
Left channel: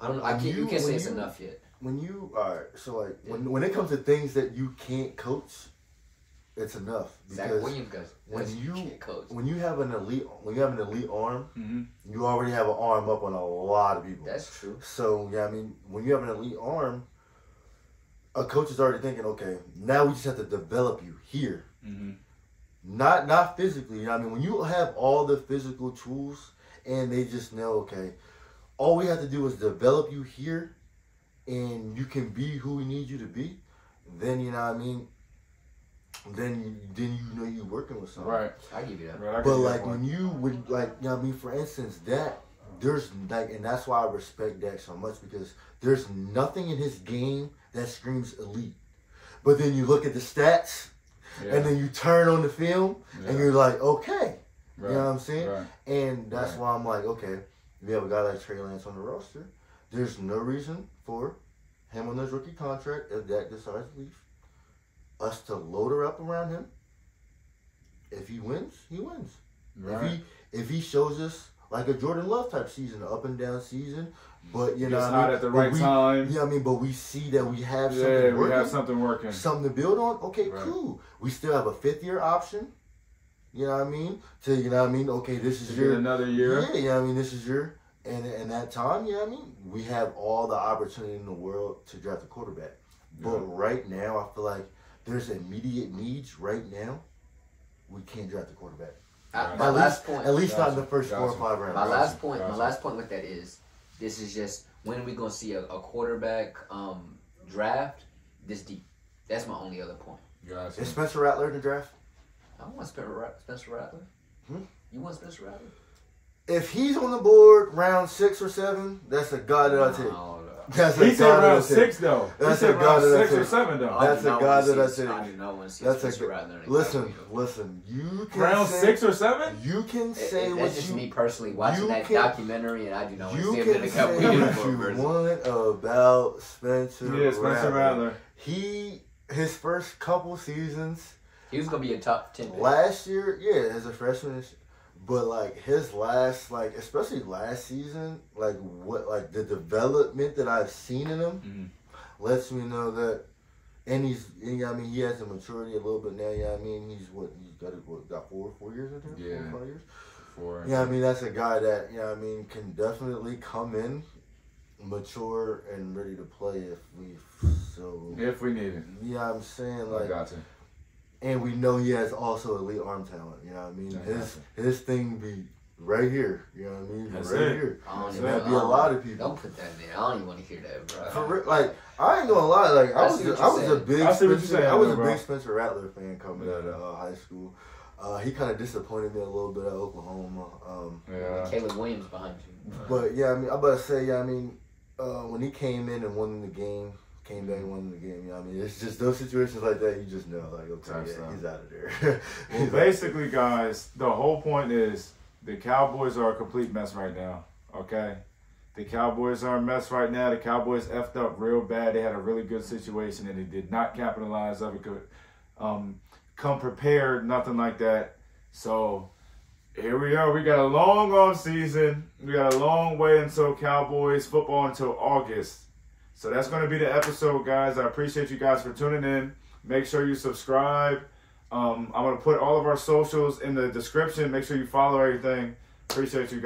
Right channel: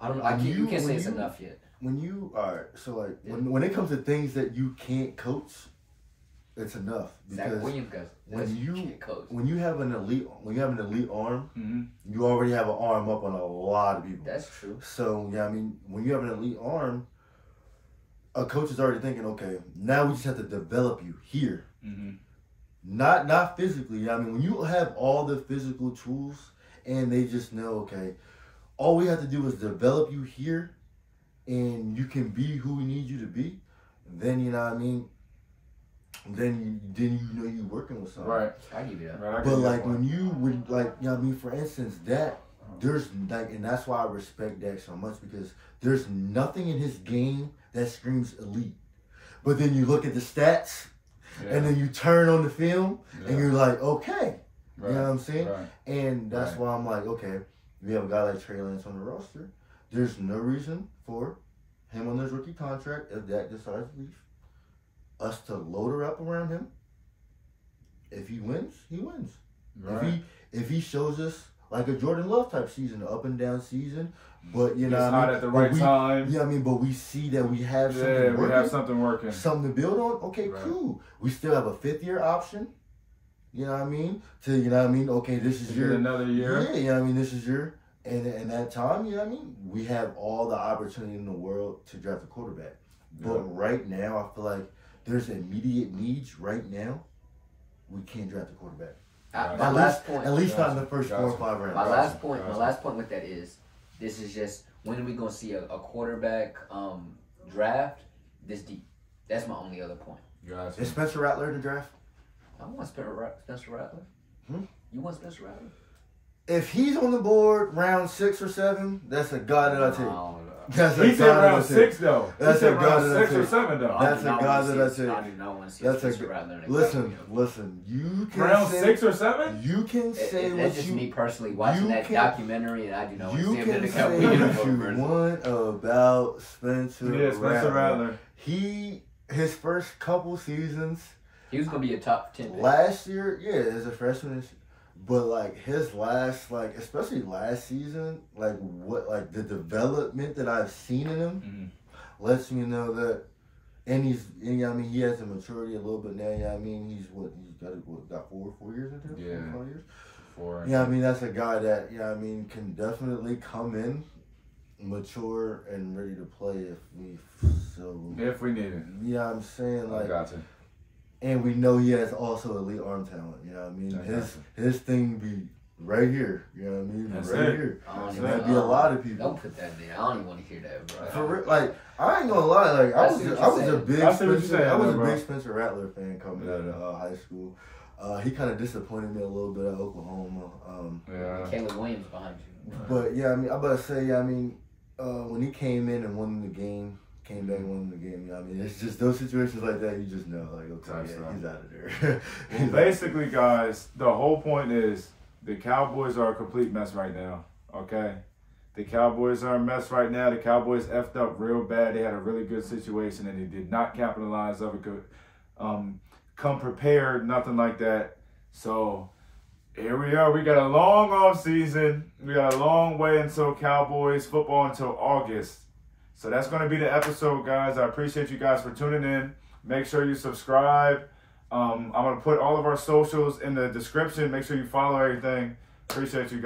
I don't know. You can't say it's enough yet. When when it comes to things that you can't coach, it's enough. Because when you have an elite arm, you already have an arm up on a lot of people. That's true. So yeah, I mean, when you have an elite arm, a coach is already thinking, okay, now we just have to develop you here. Not physically. You know what I mean, when you have all the physical tools and they just know, okay, all we have to do is develop you here and you can be who we need you to be, then you know what I mean, then you know you're working with something. Right. I give you that. Right, but like when you would like, you know what I mean, for instance, there's like, and that's why I respect Dak so much, because there's nothing in his game that screams elite. But then you look at the stats and then you turn on the film and you're like, okay. Right. You know what I'm saying? Right. And that's why I'm like, okay, we have a guy like Trey Lance on the roster. There's no reason for him on his rookie contract, if Dak decides to leave, us to load her up around him. If he wins, he wins. Right. If he shows us like a Jordan Love type season, an up and down season, but you know what I mean, at the right time. Yeah, I mean, but we see that we have something working. We have something working. Something to build on. Okay, cool. We still have a 5th-year option. You know what I mean? You know what I mean? Okay, this is your another year. Yeah, you know what I mean? This is your and that time, you know what I mean? We have all the opportunity in the world to draft a quarterback. But right now, I feel like there's immediate needs right now. We can't draft a quarterback. My last point. At least not in the first 4 or 5 rounds. My last point with that is, this is just, when are we going to see a quarterback draft this deep? That's my only other point. Gotcha. Is Spencer Rattler in the draft? I want Spencer Rattler. You want Spencer Rattler? If he's on the board round 6 or 7, that's a guy that I take. He said round 6 though. That's a guy that I take. 6 or 7 though. That's a guy that I take. I do not want to see That's Spencer Rattler. Listen. You can round say, 6 or 7. You can say what that's just me personally watching that documentary, and I do not want to see him in the Cowboys. You can say what you want about Spencer Rattler. His first couple seasons, he was gonna be a top 10 pick. Last year, yeah, as a freshman. But like his last, like especially last season, like the development that I've seen in him lets me know that, and he has the maturity a little bit now. He's got 4 years in him, yeah, 4 years. 4. That's a guy that can definitely come in, mature and ready to play if we need it. Yeah, I'm saying like. I gotcha. And we know he has also elite arm talent. His thing be right here. That's right here. And that'd be a lot of people. Don't put that in there. I don't even want to hear that, bro. For real, like I ain't gonna lie. Like I was a big Spencer Rattler fan coming out of high school. He kind of disappointed me a little bit at Oklahoma. Caleb Williams behind you. But I'm about to say, when he came in and won the game. Came back and won the game. It's just those situations like that. You just know, like, okay, he's out of there. Well, basically, guys, the whole point is the Cowboys are a complete mess right now. Okay, the Cowboys are a mess right now. The Cowboys effed up real bad. They had a really good situation and they did not capitalize of it. Come prepared, nothing like that. So here we are. We got a long off season. We got a long way until Cowboys football until August. So that's going to be the episode, guys. I appreciate you guys for tuning in. Make sure you subscribe. I'm going to put all of our socials in the description. Make sure you follow everything. Appreciate you guys.